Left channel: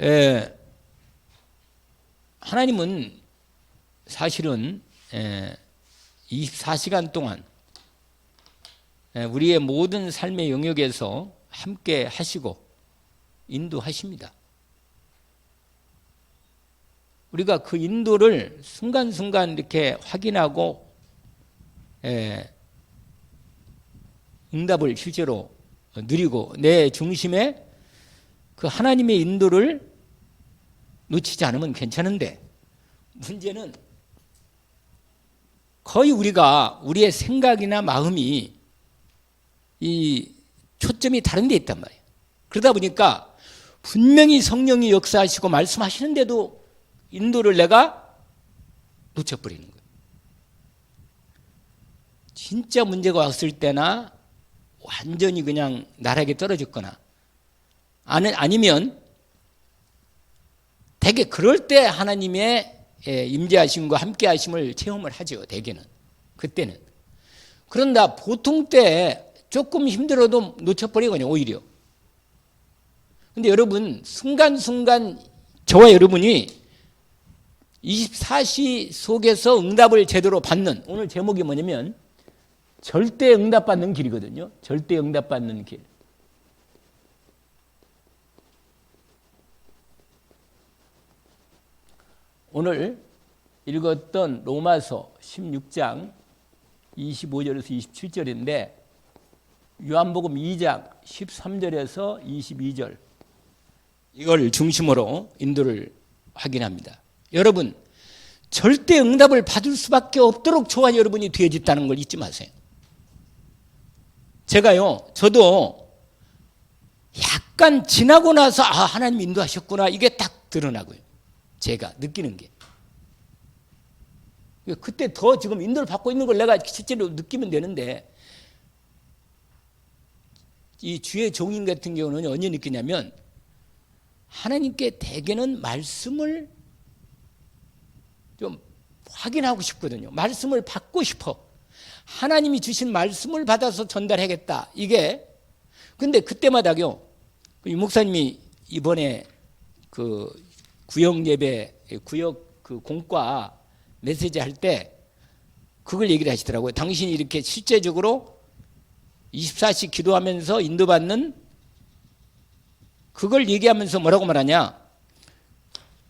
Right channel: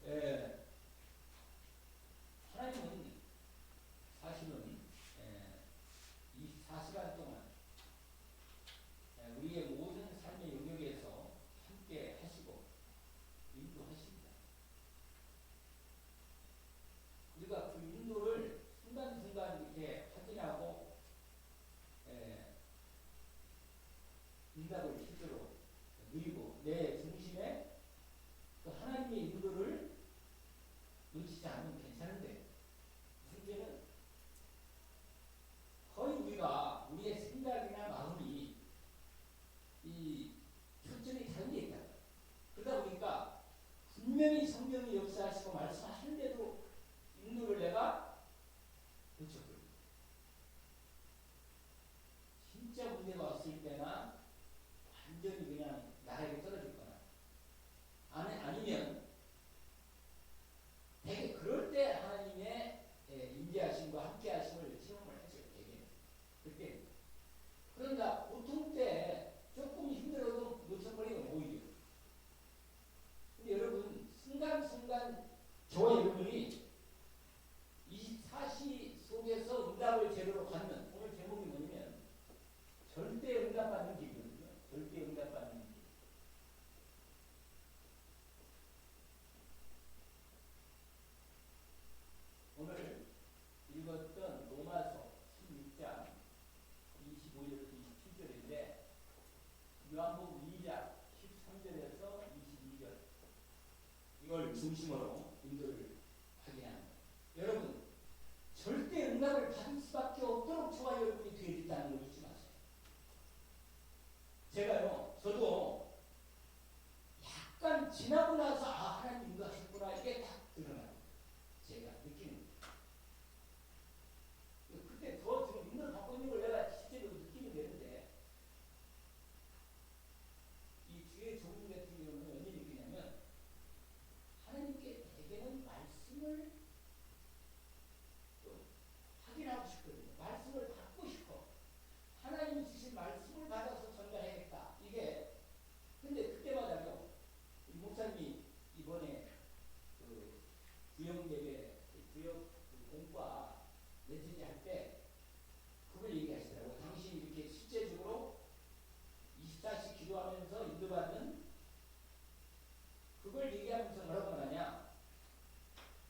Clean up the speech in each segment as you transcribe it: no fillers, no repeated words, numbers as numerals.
에, 하나님은 사실은 24시간 동안 우리의 모든 삶의 영역에서 함께 하시고 인도하십니다. 우리가 그 인도를 순간순간 이렇게 확인하고 응답을 실제로 누리고 내 중심에 그 하나님의 인도를 놓치지 않으면 괜찮은데, 문제는 거의 우리가 우리의 생각이나 마음이 이 초점이 다른 데 있단 말이에요. 그러다 보니까 분명히 성령이 역사하시고 말씀하시는데도 인도를 내가 놓쳐버리는 거예요. 진짜 문제가 왔을 때나 완전히 그냥 나락에 떨어졌거나 아니면 대개 그럴 때 하나님의 임재하심과 함께 하심을 체험을 하죠. 대개는 그때는. 그런다 보통 때 조금 힘들어도 놓쳐버리거든요. 오히려. 근데 여러분 순간순간 저와 여러분이 24시 속에서 응답을 제대로 받는, 오늘 제목이 뭐냐면 절대 응답받는 길이거든요. 절대 응답받는 길. 오늘 읽었던 로마서 16장 25절에서 27절인데 요한복음 2장 13절에서 22절, 이걸 중심으로 인도를 확인합니다. 여러분, 절대 응답을 받을 수밖에 없도록 저와 여러분이 되어졌다는 걸 잊지 마세요. 저도 약간 지나고 나서 하나님 인도하셨구나, 이게 딱 드러나고요. 제가 느끼는 게. 그때 더 지금 인도를 받고 있는 걸 내가 실제로 느끼면 되는데, 이 주의 종인 같은 경우는 언제 느끼냐면 하나님께 대개는 말씀을 좀 확인하고 싶거든요. 말씀을 받고 싶어. 하나님이 주신 말씀을 받아서 전달하겠다. 이게 근데 그때마다요. 이 목사님이 이번에 그 구역 예배, 구역 그 공과 메시지 할 때 그걸 얘기를 하시더라고요. 당신이 이렇게 실제적으로 24시 기도하면서 인도받는 그걸 얘기하면서 뭐라고 말하냐?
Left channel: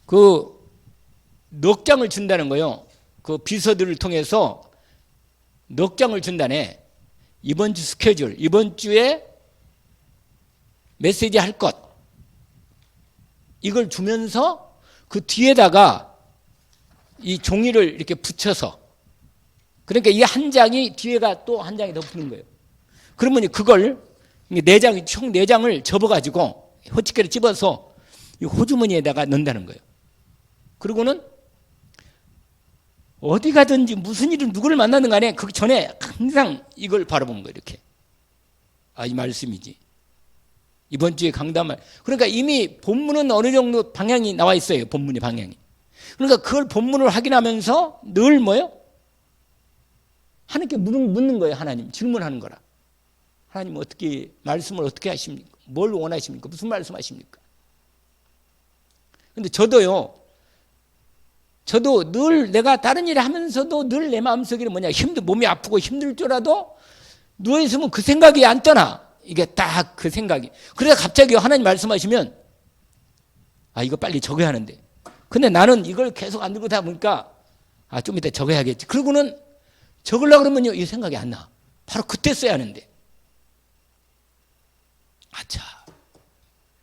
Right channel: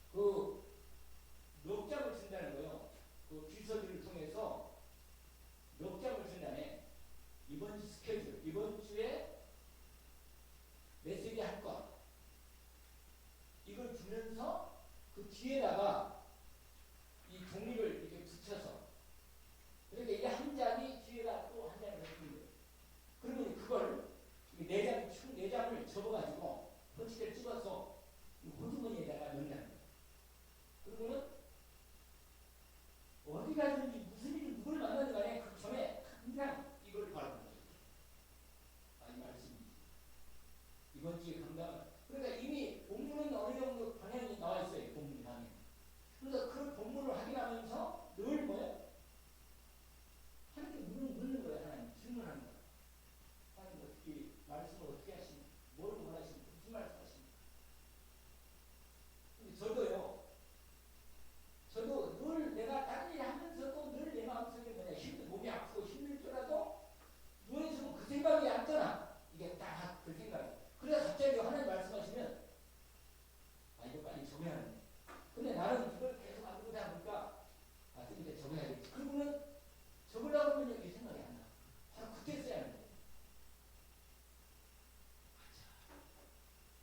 그 넉 장을 준다는 거요. 그 비서들을 통해서 넉 장을 준다네. 이번 주 스케줄, 이번 주에 메시지 할 것, 이걸 주면서 그 뒤에다가 이 종이를 이렇게 붙여서, 그러니까 이 한 장이 뒤에가 또 한 장이 더 붙는 거예요. 그러면 그걸 총 4장을 접어가지고 호치기를 집어서 이 호주머니에다가 넣는다는 거예요. 그리고는 어디 가든지 무슨 일을 누구를 만나든 간에 그 전에 항상 이걸 바라보는 거예요. 이렇게. 이 말씀이지. 이번 주에 강담할. 그러니까 이미 본문은 어느 정도 방향이 나와 있어요. 본문의 방향이. 그러니까 그걸 본문을 확인하면서 늘 뭐예요? 하나님께 묻는 거예요. 하나님. 질문하는 거라. 하나님 어떻게, 말씀을 어떻게 하십니까? 뭘 원하십니까? 무슨 말씀 하십니까? 근데 저도 늘 내가 다른 일을 하면서도 늘 내 마음속에는 뭐냐, 몸이 아프고 힘들 줄라도 누워있으면 그 생각이 안 떠나. 이게 딱 그 생각이. 그래서 갑자기 하나님 말씀하시면 이거 빨리 적어야 하는데, 근데 나는 이걸 계속 안 들고 다 보니까 좀 이따 적어야겠지. 그러고는 적으려고 그러면요, 이 생각이 안 나. 바로 그때 써야 하는데.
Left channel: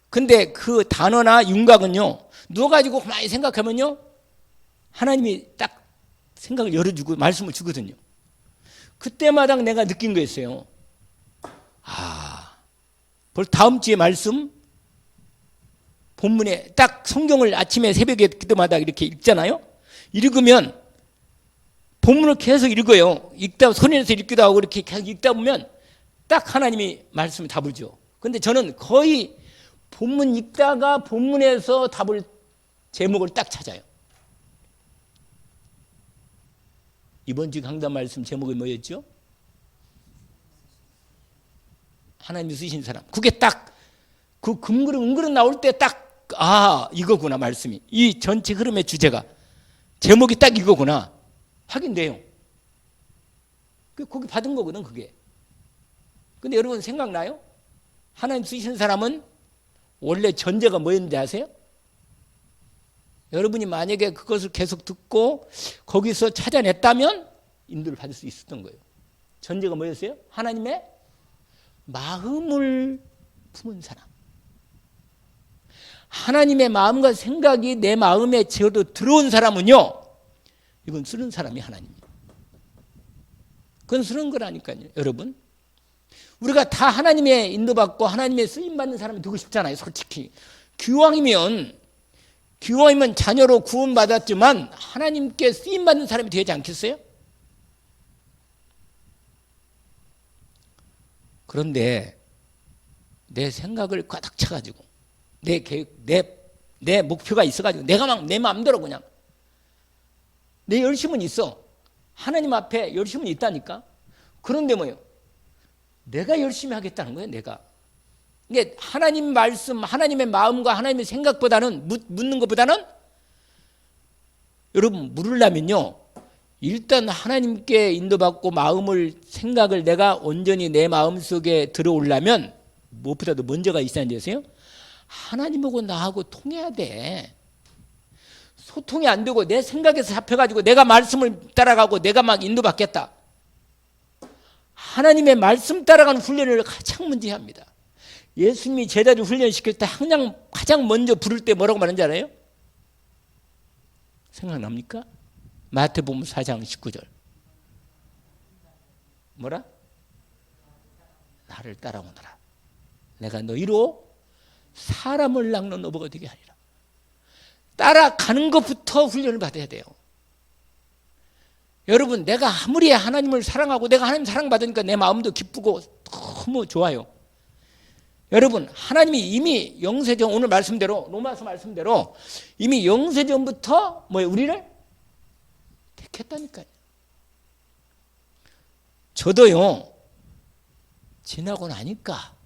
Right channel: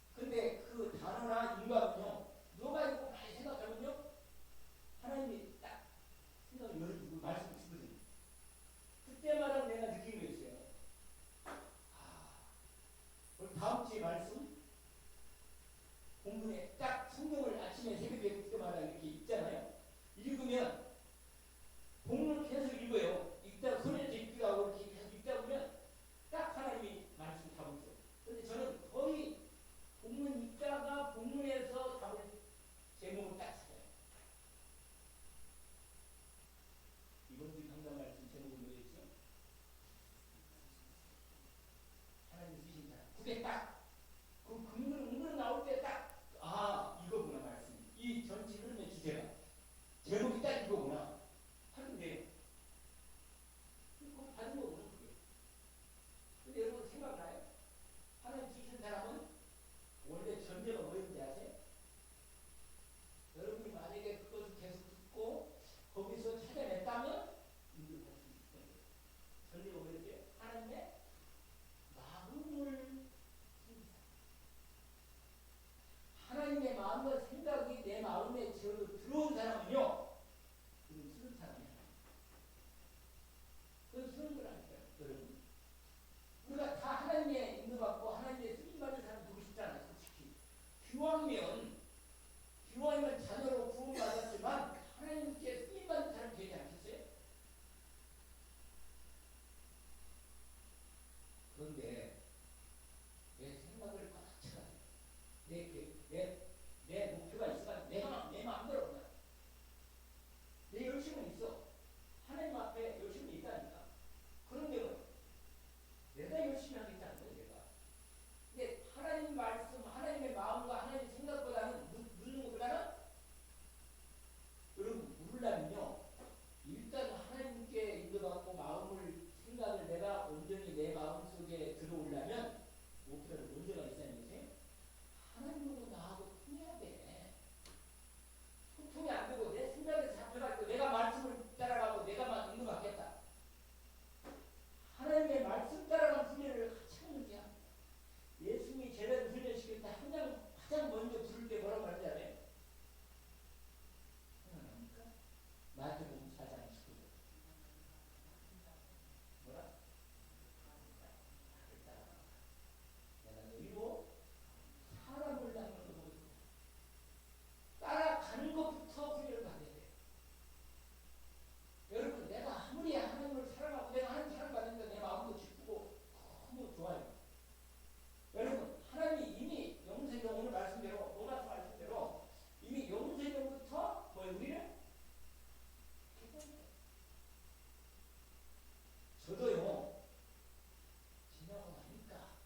근데 그 단어나 윤곽은요, 누워가지고 많이 생각하면요, 하나님이 딱 생각을 열어주고 말씀을 주거든요. 그때마다 내가 느낀 거였어요. 벌 다음 주에 말씀, 본문에 딱 성경을 아침에 새벽에 기도마다 이렇게 읽잖아요. 읽으면 본문을 계속 읽어요. 읽다 손에서 읽기도 하고 이렇게 계속 읽다 보면 딱 하나님이 말씀을 답을 줘. 근데 저는 거의 본문 읽다가 본문에서 답을, 제목을 딱 찾아요. 이번 주 강단 말씀 제목이 뭐였죠? 하나님이 쓰신 사람. 그게 딱 그 금그릇 은그릇 나올 때 딱 이거구나 말씀이. 이 전체 흐름의 주제가 제목이 딱 이거구나 확인돼요. 거기 받은 거거든 그게. 근데 여러분 생각나요? 하나님 쓰시는 사람은 원래 전제가 뭐였는지 아세요? 여러분이 만약에 그것을 계속 듣고 거기서 찾아냈다면 인도를 받을 수 있었던 거예요. 전제가 뭐였어요? 하나님의 마음을 품은 사람. 하나님의 마음과 생각이 내 마음에 들어온 사람은요, 이건 쓰는 사람이 하나님이에요. 그건 쓰는 거라니까요. 여러분, 우리가 다 하나님의 인도받고 하나님의 쓰임받는 사람이 되고 싶잖아요. 솔직히 기왕이면 자녀로 구원받았지만 하나님께 쓰임받는 사람이 되지 않겠어요? 그런데 내 생각을 가득 차가지고 내 계획, 내 목표가 있어가지고 내가 막 내 마음대로 그냥 내 열심은 있어. 하나님 앞에 열심은 있다니까. 그런데 뭐예요? 내가 열심히 하겠다는 거예요. 내가. 이게 하나님 말씀, 하나님의 마음과 하나님의 생각보다는 묻는 것보다는 여러분 물으려면요. 일단 하나님께 인도받고 마음을 생각을 내가 온전히 내 마음속에 들어오려면 무엇보다도 먼저가 있어야 되세요. 하나님하고 나하고 통해야 돼. 소통이 안 되고 내 생각에서 잡혀가지고 내가 말씀을 따라가고 내가 막 인도받겠다. 하나님의 말씀 따라가는 훈련을 가장 먼저 합니다. 예수님이 제자들 훈련시킬 때 가장 먼저 부를 때 뭐라고 말하는지 알아요? 생각납니까? 마태복음 4장 19절. 뭐라? 나를 따라오너라. 내가 너희로 사람을 낚는 어부가 되게 하리라. 따라가는 것부터 훈련을 받아야 돼요. 여러분, 내가 아무리 하나님을 사랑하고 내가 하나님 사랑받으니까 내 마음도 기쁘고 너무 좋아요. 여러분, 하나님이 이미 영세전, 오늘 말씀대로 로마서 말씀대로 이미 영세전부터 우리를 택했다니까요. 저도요, 지나고 나니까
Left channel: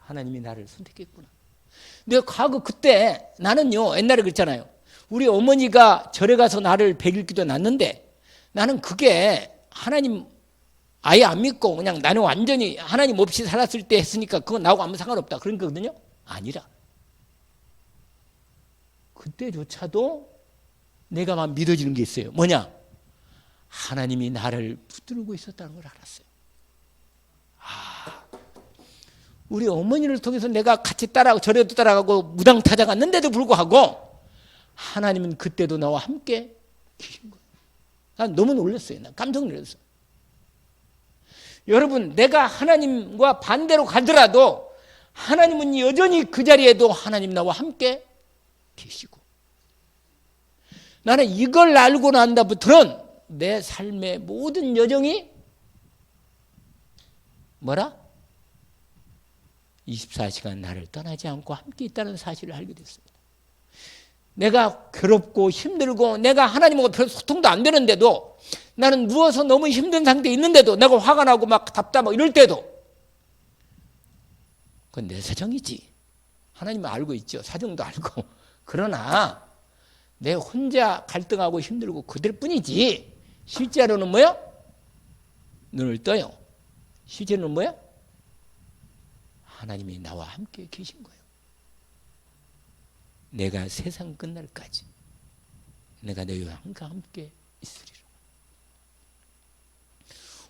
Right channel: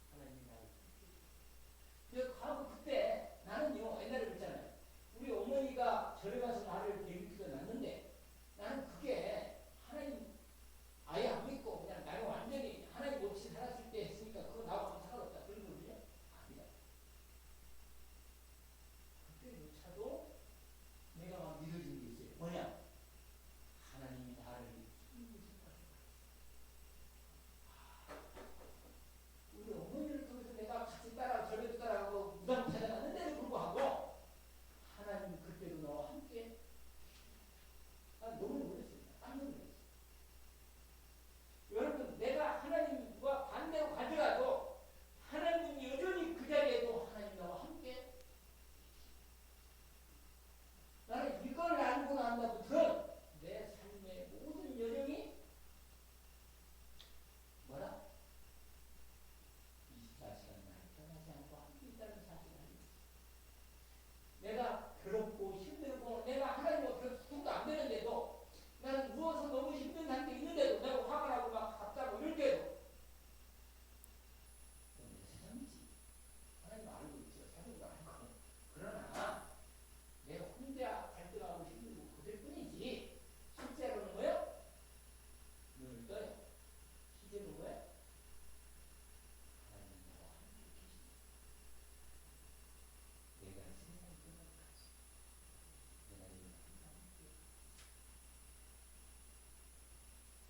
하나님이 나를 선택했구나. 근데 과거 그때 나는요, 옛날에 그랬잖아요. 우리 어머니가 절에 가서 나를 100일 기도 났는데 나는 그게 하나님 아예 안 믿고 그냥 나는 완전히 하나님 없이 살았을 때 했으니까 그건 나하고 아무 상관없다 그런 거거든요. 아니라 그때조차도 내가 막 믿어지는 게 있어요. 뭐냐? 하나님이 나를 붙들고 있었다는 걸 알았어요. 우리 어머니를 통해서 내가 같이 따라가고 절에도 따라가고 무당 찾아갔는데도 불구하고 하나님은 그때도 나와 함께 계신 거예요. 난 너무 놀랐어요. 난 깜짝 놀랐어요. 여러분, 내가 하나님과 반대로 가더라도 하나님은 여전히 그 자리에도 하나님 나와 함께 계시고, 나는 이걸 알고 난 다음부터는 내 삶의 모든 여정이 뭐라? 24시간 나를 떠나지 않고 함께 있다는 사실을 알게 됐습니다. 내가 괴롭고 힘들고 내가 하나님하고 별 소통도 안 되는데도, 나는 누워서 너무 힘든 상태에 있는데도, 내가 화가 나고 막 답답하고 이럴 때도 그건 내 사정이지. 하나님은 알고 있죠. 사정도 알고. 그러나 내 혼자 갈등하고 힘들고 그들 뿐이지, 실제로는 뭐야? 눈을 떠요. 실제로는 뭐야? 하나님이 나와 함께 계신 거예요. 내가 세상 끝날까지 내가 너희와 항상 함께 있으리라.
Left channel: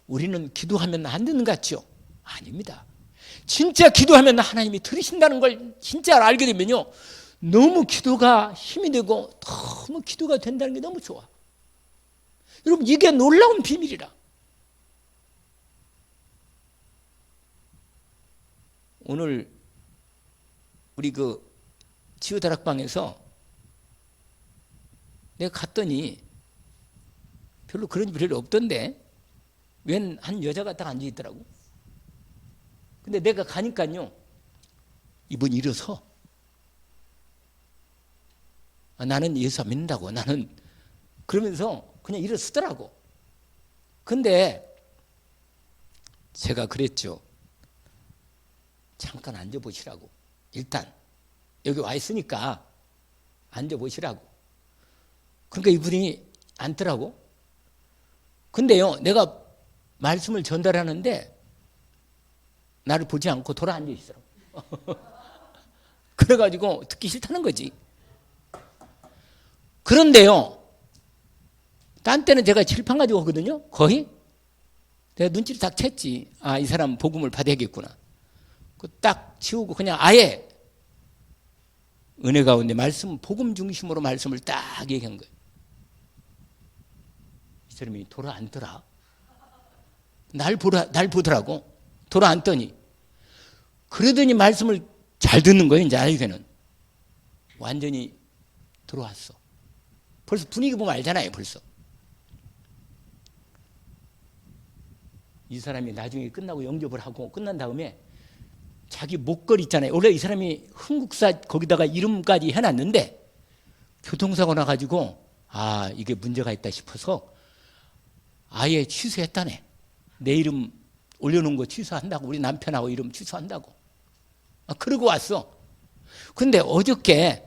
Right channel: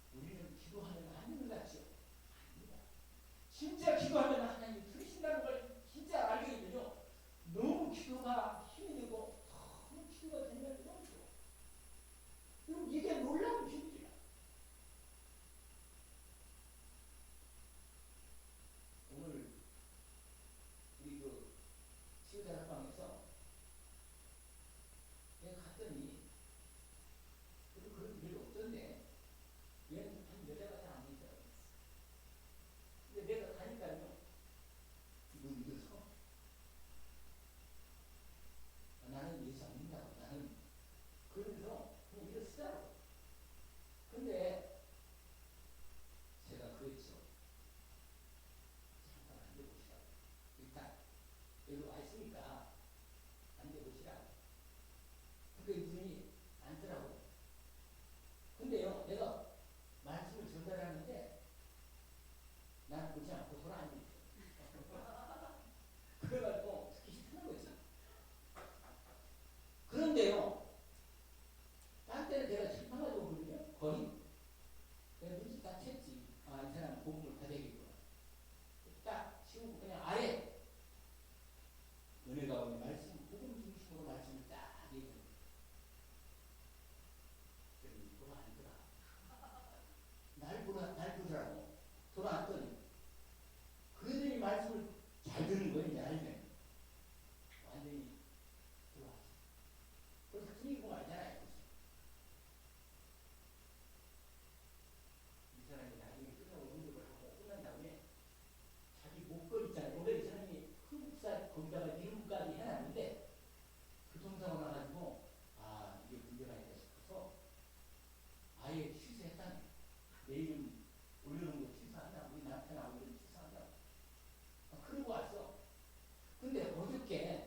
우리는 기도하면 안 되는 것 같죠? 아닙니다. 진짜 기도하면 하나님이 들으신다는 걸 진짜 알게 되면요, 너무 기도가 힘이 되고 너무 기도가 된다는 게 너무 좋아. 여러분, 이게 놀라운 비밀이라. 오늘 우리 그 치유다락방에서 내가 갔더니 별로 그런 일 별로 없던데 웬 한 여자가 딱 앉아 있더라고. 근데 내가 가니까요, 이분이 일어서 나는 예수 안 믿는다고, 나는 그러면서 그냥 일어서더라고. 근데 제가 그랬죠. 잠깐 앉아보시라고. 일단 여기 와 있으니까 앉아보시라고. 그러니까 이분이 앉더라고. 근데요, 내가 말씀을 전달하는데 나를 보지 않고 돌아 앉아 있어. 그래가지고 듣기 싫다는 거지. 그런데요, 딴 때는 제가 칠판 가지고 오거든요. 거의 내가 눈치를 딱 챘지. 아, 이 사람 복음을 받아야겠구나. 그 딱 치우고 그냥 아예 은혜 가운데 말씀, 복음 중심으로 말씀을 딱 얘기한 거예요. 이 사람이 돌아 앉더라. 날 보더라고. 돌아 앉더니. 그러더니 말씀을 잘 듣는 거예요. 이제 알게는. 완전히 들어왔어. 벌써 분위기 보면 알잖아요. 벌써. 이 사람이 나중에 끝나고 영접을 하고 끝난 다음에 자기 목걸이 있잖아요. 원래 이 사람이 흥국사 거기다가 이름까지 해놨는데 교통사고 나가지고 아, 이게 문제가 있다 싶어서 아예 취소했다네. 내 이름 올려놓은 거 취소한다고. 우리 남편하고 이름 취소한다고. 아, 그러고 왔어. 근데 어저께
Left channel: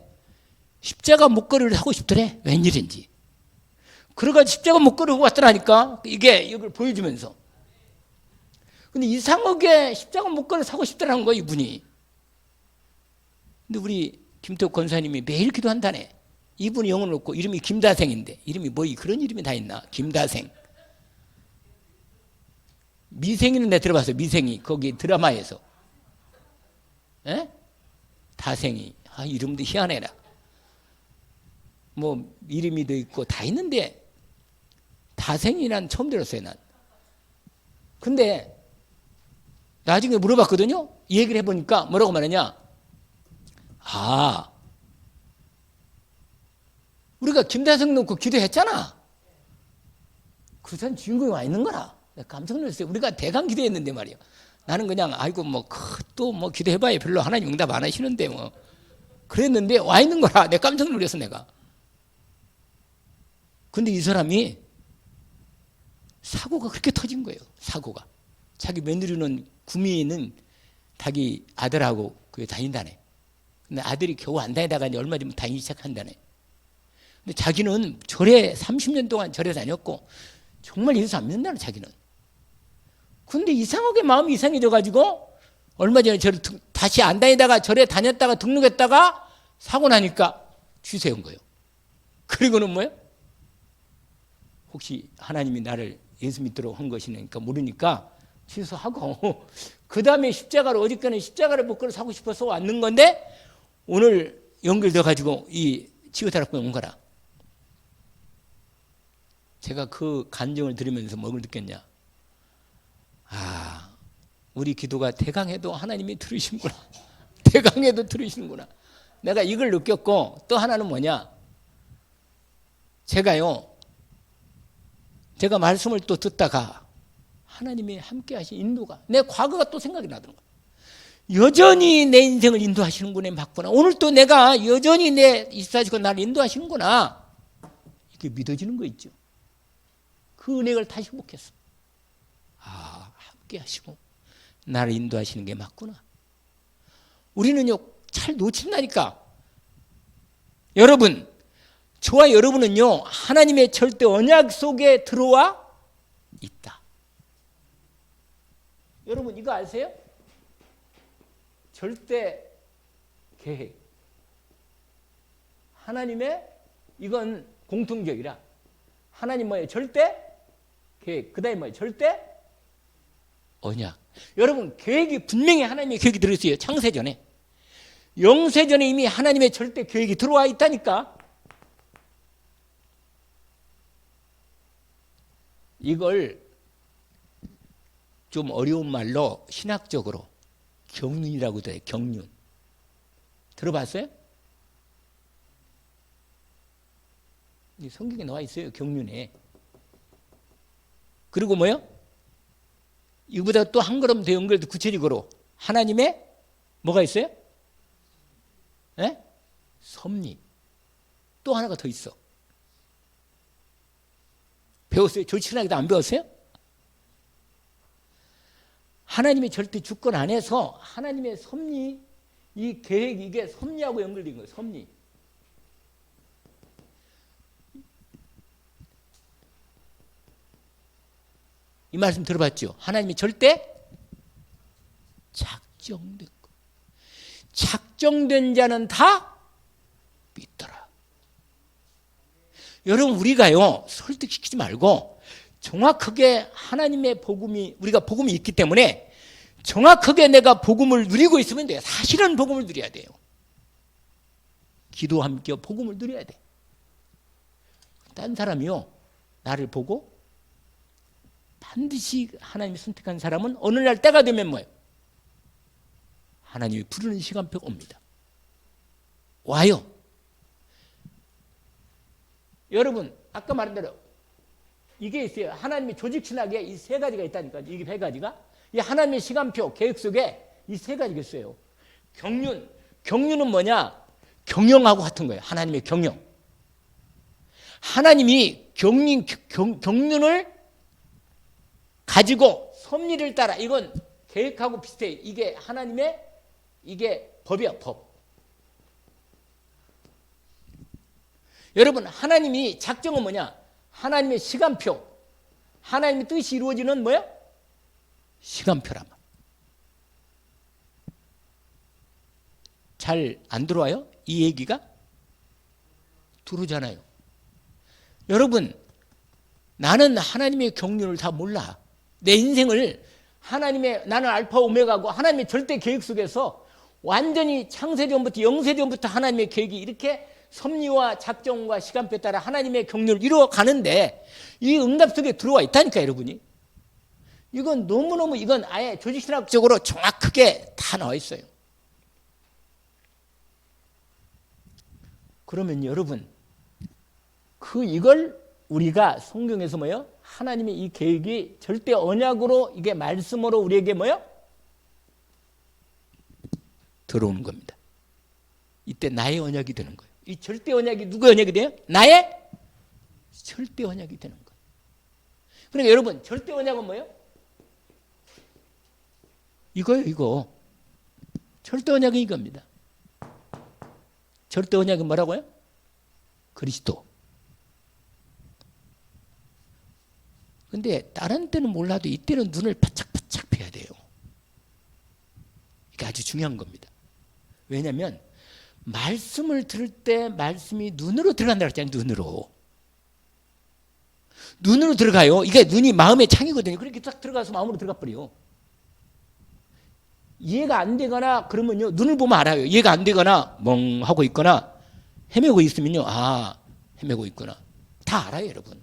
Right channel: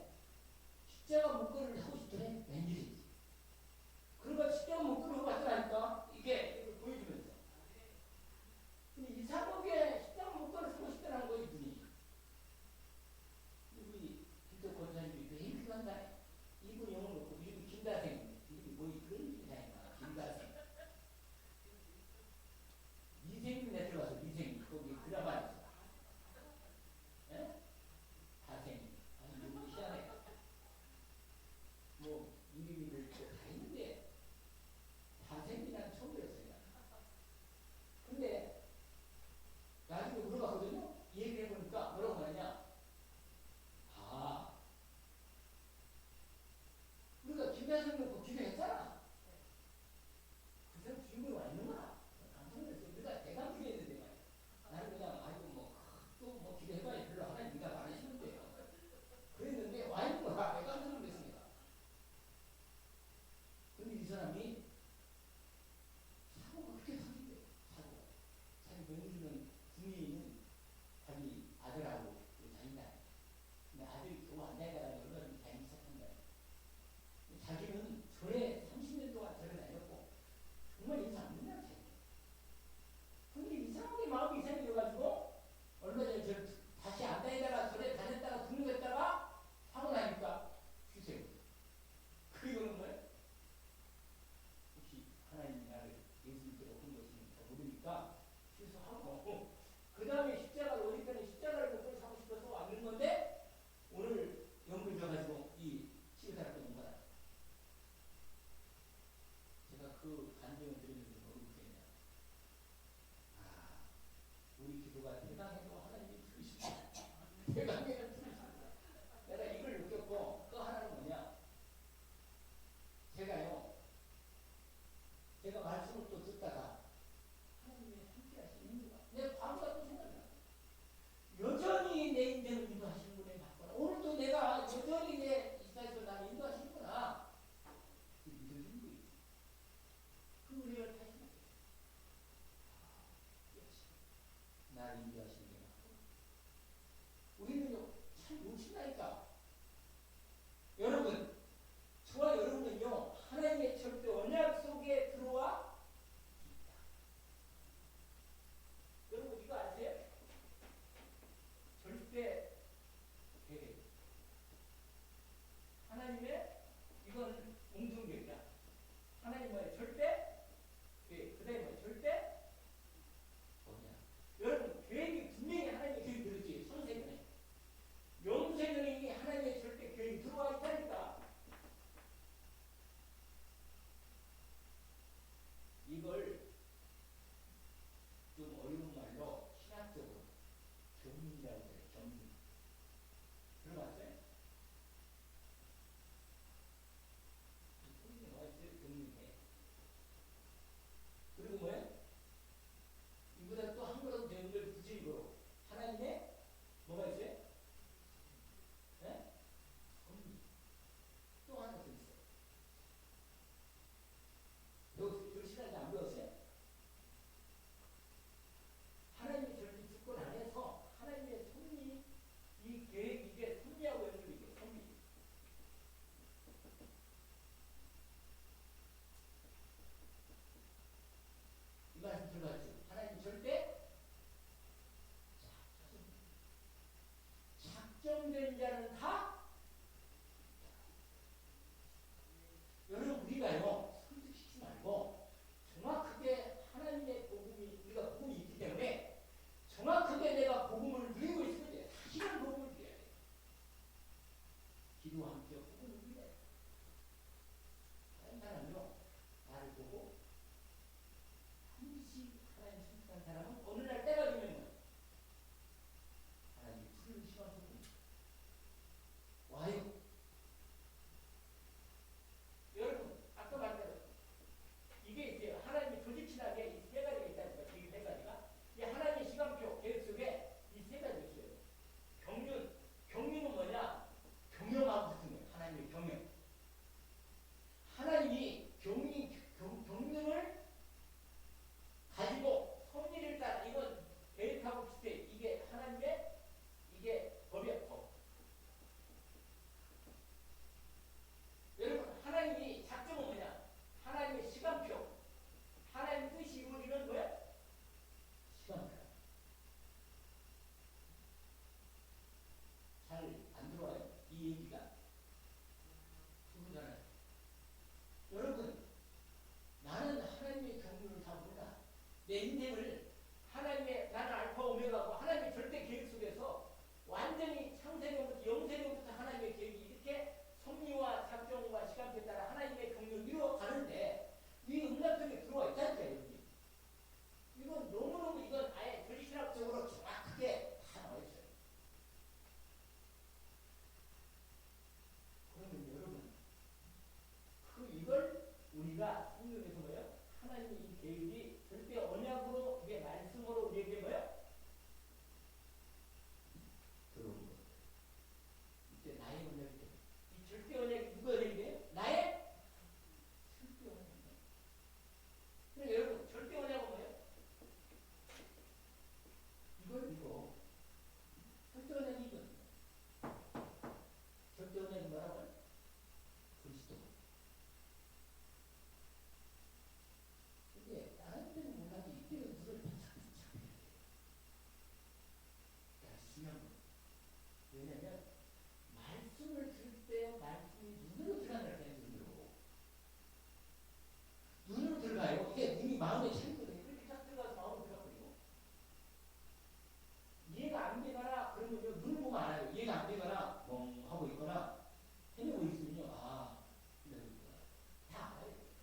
십자가 목걸이를 하고 싶더래. 웬일인지. 그래가지고 십자가 목걸이를 하고 왔더라니까. 이걸 보여주면서. 근데 이상하게 십자가 목걸이를 사고 싶더라는 거야, 이분이. 근데 우리 김태욱 권사님이 매일 기도한다네. 이분이 영혼 없고 이름이 김다생인데 이름이 뭐 그런 이름이 다 있나? 김다생. 미생이는 내가 들어봤어요. 미생이 거기 드라마에서. 에? 다생이. 아, 이름도 희한해라. 뭐 이름이도 있고 다 있는데 다생이 난 처음 들었어요. 난. 근데 나중에 물어봤거든요. 이 얘기를 해보니까 뭐라고 말하냐. 아, 우리가 김다생 놓고 기도했잖아. 그 사람 주인공이 와 있는 거라. 내가 깜짝 놀랐어요. 우리가 대강 기도했는데 말이야. 나는 그냥 아이고 뭐 또 뭐 기도해봐야 별로 하나님 응답 안 하시는데 뭐 그랬는데 와 있는 거라. 내가 깜짝 놀랐어 내가. 근데 이 사람이 사고가 그렇게 터진 거예요. 사고가. 자기 며느리는 구미에는 자기 아들하고 그게 다닌다네. 근데 아들이 겨우 안 다니다가 이제 얼마 전에 다니기 시작한다네. 근데 자기는 절에 30년 동안 절에 다녔고 정말 예수 안 믿는다는 자기는. 근데 이상하게 마음이 이상해져가지고 얼마 전에 절에 다시 안 다니다가 절에 다녔다가 등록했다가 사고 나니까 취소한 거예요. 그리고는 뭐예요? 혹시 하나님이 나를 예수 믿도록 한 것이니까 모르니까 취소하고 그 다음에 십자가를 어저께는 십자가를 목걸이 사고 싶어서 왔는 건데 오늘 연결돼가지고 이 치유타락병 온 거라. 제가 그 간증을 들으면서 뭘 느꼈냐. 아, 우리 기도가 대강해도 하나님이 들으시는구나. 대강해도 들으시는구나. 내가 이걸 느꼈고 또 하나는 뭐냐. 제가 말씀을 또 듣다가 하나님이 함께 하신 인도가 내 과거가 또 생각이 나더라고요. 여전히 내 인생을 인도하시는구나. 맞구나. 오늘 또 내가 여전히 내 이사시고 나를 인도하시는구나. 이렇게 믿어지는 거 있죠. 그 은혜를 다시 회복했어. 아, 함께 하시고 나를 인도하시는 게 맞구나. 우리는요 잘 놓친다니까. 여러분, 저와 여러분은요 하나님의 절대 언약 속에 들어와 있다. 여러분 이거 아세요? 절대 계획. 하나님의 이건 공통적이라. 하나님 뭐예요? 절대 계획. 그 다음에 뭐예요? 절대 언약. 여러분 계획이 분명히 하나님의 계획이 들어있어요. 창세전에. 영세전에 이미 하나님의 절대 계획이 들어와 있다니까. 이걸 좀 어려운 말로 신학적으로 경륜이라고 해요. 경륜. 들어봤어요? 성경에 나와 있어요. 경륜에. 그리고 뭐요? 이거보다 또 한 걸음 더 연결도 구체적으로 하나님의 뭐가 있어요? 예? 섭리. 또 하나가 더 있어. 배웠어요? 조치나게도 안 배웠어요? 하나님의 절대 주권 안에서 하나님의 섭리, 이 계획 이게 섭리하고 연결된 거예요. 섭리. 이 말씀 들어봤죠? 하나님이 절대 작정된 거. 작정된 자는 다 믿더라. 여러분 우리가요 설득시키지 말고 정확하게 하나님의 복음이 우리가 복음이 있기 때문에 정확하게 내가 복음을 누리고 있으면 돼요. 사실은 복음을 누려야 돼요. 기도와 함께 복음을 누려야 돼. 딴 사람이요 나를 보고 반드시 하나님이 선택한 사람은 어느 날 때가 되면 뭐예요? 하나님이 부르는 시간표가 옵니다. 와요. 여러분 아까 말한 대로 이게 있어요. 하나님의 조직 신학에 이 세 가지가 있다니까. 이게 세 가지가 이 하나님의 시간표 계획 속에 이 세 가지가 있어요. 경륜은 뭐냐? 경영하고 같은 거예요. 하나님의 경영. 하나님이 경륜을 가지고 섭리를 따라 이건 계획하고 비슷해요. 이게 하나님의 이게 법이야, 법. 여러분 하나님이 작정은 뭐냐? 하나님의 시간표. 하나님의 뜻이 이루어지는 뭐야? 시간표란 말. 잘 안 들어와요? 이 얘기가? 들어오잖아요. 여러분 나는 하나님의 경륜을 다 몰라. 내 인생을 하나님의 나는 알파 오메가고 하나님의 절대 계획 속에서 완전히 창세전부터 영세전부터 하나님의 계획이 이렇게 섭리와 작정과 시간표에 따라 하나님의 경륜을 이루어가는데 이 응답 속에 들어와 있다니까 여러분이. 이건 너무너무 이건 아예 조직신학적으로 정확하게 다 나와 있어요. 그러면 여러분 이걸 우리가 성경에서 뭐요? 하나님의 이 계획이 절대 언약으로 이게 말씀으로 우리에게 뭐요? 들어오는 겁니다. 이때 나의 언약이 되는 거예요. 이 절대 언약이 누구의 언약이 돼요? 나의 절대 언약이 되는 거예요. 그러니까 여러분 절대 언약은 뭐예요? 이거요, 이거. 절대 언약은 이겁니다. 절대 언약은 뭐라고요? 그리스도. 근데 다른 때는 몰라도 이때는 눈을 바짝바짝 펴야 돼요. 이게 아주 중요한 겁니다. 왜냐하면 말씀을 들을 때 말씀이 눈으로 들어간다고 했잖아요. 눈으로 들어가요. 이게 눈이 마음의 창이거든요. 그렇게 딱 들어가서 마음으로 들어가 버려요. 이해가 안 되거나 그러면요 눈을 보면 알아요. 이해가 안 되거나 멍하고 있거나 헤매고 있으면요 헤매고 있구나 다 알아요 여러분.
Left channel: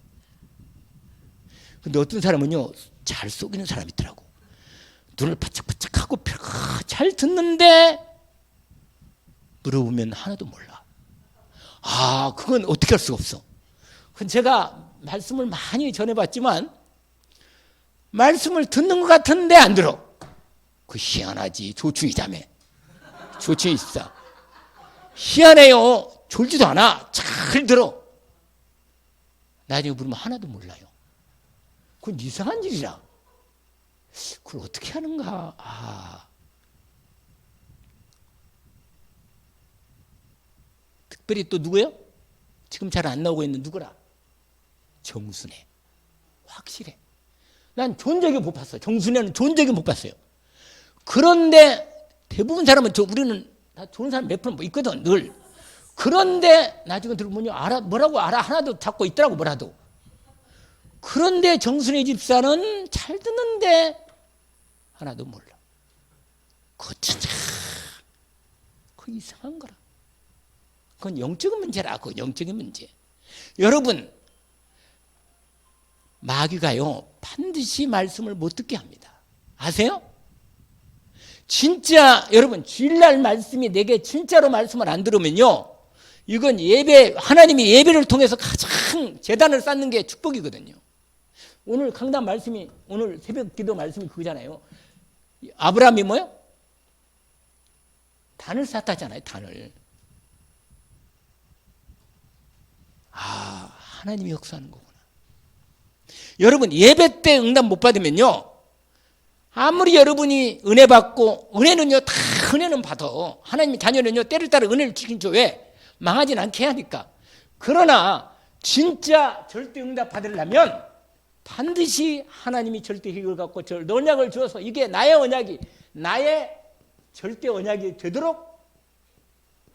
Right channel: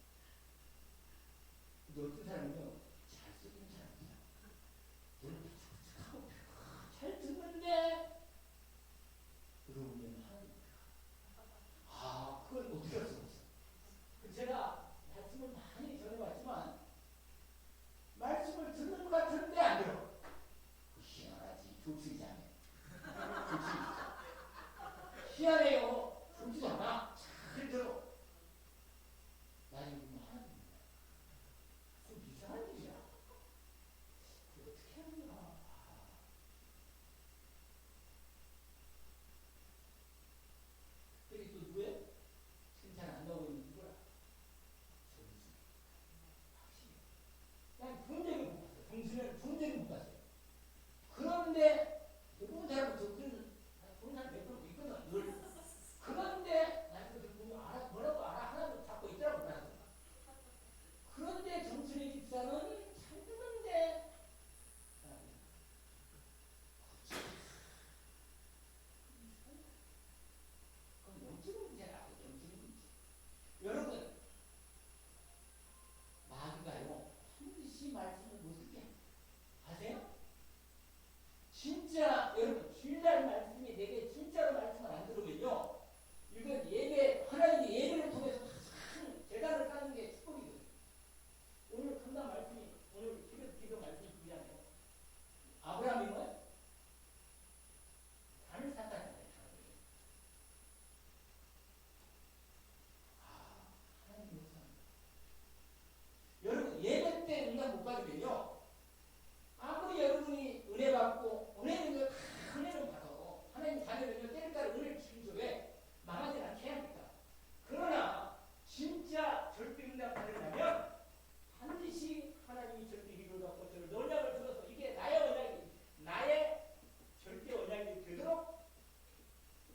근데 어떤 사람은요 잘 속이는 사람이 있더라고. 눈을 바짝바짝하고 잘 듣는데 물어보면 하나도 몰라. 그건 어떻게 할 수가 없어. 그건 제가 말씀을 많이 전해봤지만 말씀을 듣는 것 같은데 안 들어. 그 희한하지. 조충이 자매. 조충이 있어. 희한해요. 졸지도 않아. 잘 들어. 나중에 물으면 하나도 몰라요. 그건 이상한 일이라. 그걸 어떻게 하는가. 특별히 또 누구예요? 지금 잘 안 나오고 있는 누구라? 정순애. 확실해. 난 좋은 적이 못 봤어요. 정순애는 좋은 적이 못 봤어요. 그런데 대부분 사람은 우리는 다 좋은 사람 몇 프로 있거든 늘. 그런데 나중에 들어보면 뭐라고 알아 하나도 잡고 있더라고 뭐라도. 그런데 정순애 집사는 잘 듣는데 하나도 몰라. 그거 진짜 그 이상한 거라. 그건 영적인 문제라. 그 영적인 문제. 여러분 마귀가요 반드시 말씀을 못 듣게 합니다. 아세요? 진짜 여러분 주일날 말씀이 내게 진짜로 말씀을 안 들으면요 이건 예배 하나님이 예배를 통해서 가장 제단을 쌓는 게 축복이거든요. 오늘 강단 말씀이 오늘 새벽 기도 말씀이 그거잖아요. 아브라함이 뭐요? 단을 쌓았잖아요. 단을. 하나님이 역사하는 거구나. 여러분 예배 때 응답 못 받으면요 아무리 여러분이 은혜 받고, 은혜는요 다 은혜는 받아. 하나님 자녀는요 때를 따라 은혜를 주긴 줘. 왜? 망하진 않게 하니까. 그러나 진짜 절대 응답 받으려면 반드시 하나님이 절대 계획을 갖고 언약을 주어서 이게 나의 언약이, 나의 절대 언약이 되도록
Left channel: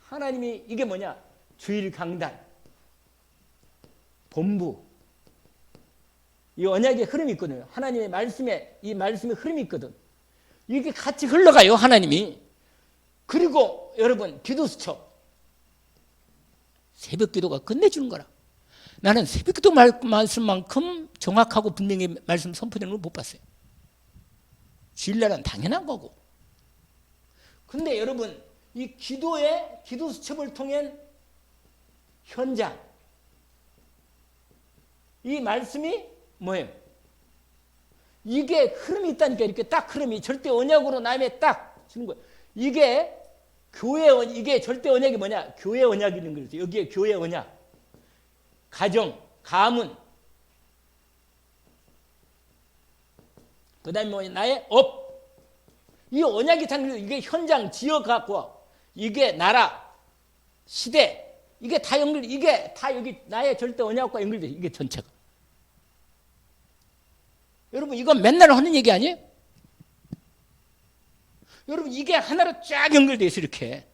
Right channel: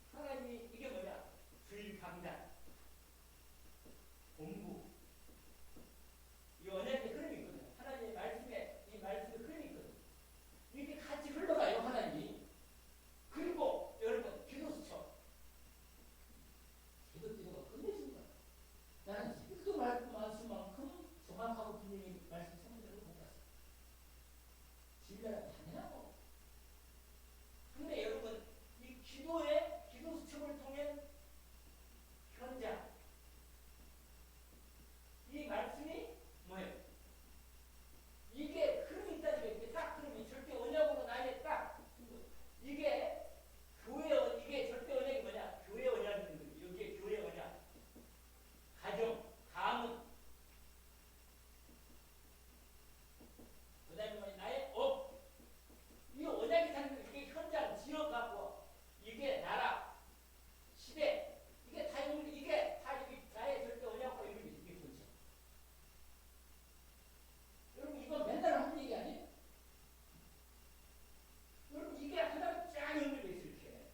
하나님이, 이게 뭐냐, 주일 강단, 본부, 이 언약의 흐름이 있거든요. 하나님의 말씀에, 이 말씀의 흐름이 있거든. 이게 같이 흘러가요, 하나님이. 그리고 여러분, 기도 수첩, 새벽 기도가 끝내주는 거라. 나는 새벽 기도 말씀만큼 정확하고 분명히 말씀 선포되는 걸 못 봤어요. 주일날은 당연한 거고. 근데 여러분, 이 기도의 기도 수첩을 통한 현장, 이 말씀이 뭐예요? 이게 흐름이 있다니까. 이렇게 딱 흐름이 절대 언약으로 남에 딱 주는 거예요. 이게 교회, 이게 절대 언약이 뭐냐? 교회 언약이 있는 거죠. 여기에 교회 언약, 가정, 가문, 그 다음에 뭐 나의 업, 이 언약이 단 이게 현장, 지역 갖고, 이게 나라, 시대, 이게 다 연결, 이게 다 여기 나의 절대 언약과 연결돼. 이게 전체가. 여러분, 이건 맨날 하는 얘기 아니에요? 여러분, 이게 하나로 쫙 연결돼 있어, 이렇게.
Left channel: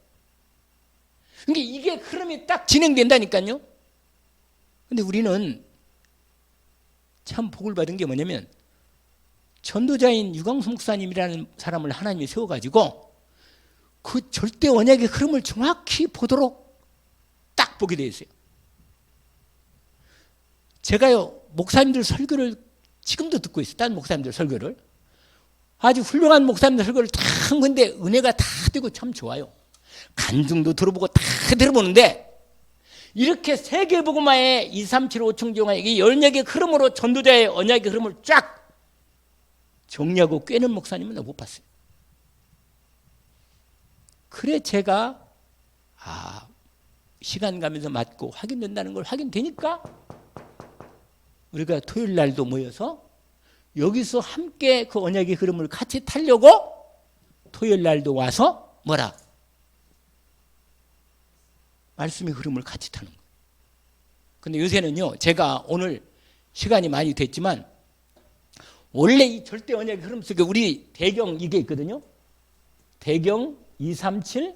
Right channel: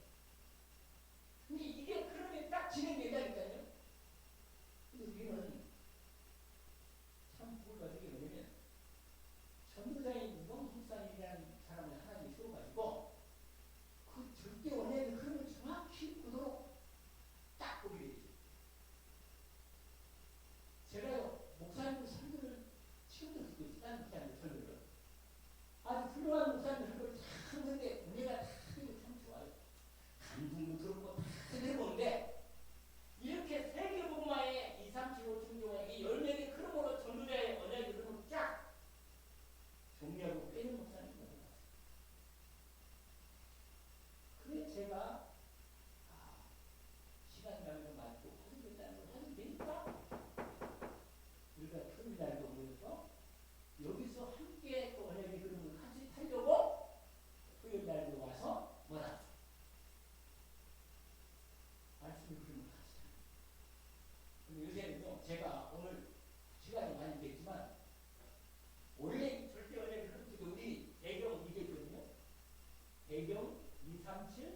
그러니까 이게 흐름이 딱 진행된다니까요. 근데 우리는 참 복을 받은 게 뭐냐면, 전도자인 유광수 목사님이라는 사람을 하나님이 세워가지고 그 절대 언약의 흐름을 정확히 보도록 딱 보게 돼 있어요. 제가요, 목사님들 설교를 지금도 듣고 있어요. 다른 목사님들 설교를. 아주 훌륭한 목사님들 설교를 다 한 건데 은혜가 다 되고 참 좋아요. 간증도 들어보고 다 들어보는데, 이렇게 세계복음화의 2, 3, 7, 5층 중에 이 언약의 흐름으로 전도자의 언약의 흐름을 쫙 정리하고 꿰는 목사님은 못 봤어요. 그래 제가 시간 가면서 맞고 확인된다는 걸 확인되니까 우리가 토요일 날도 모여서 여기서 함께 그 언약의 흐름을 같이 타려고 토요일 날도 와서 뭐라? 말씀의 흐름을 같이 타는 거예요. 근데 요새는요, 제가 오늘 시간이 많이 됐지만 원래 이 절대 언약의 흐름 속에 우리 대경 이게 있거든요. 대경 237,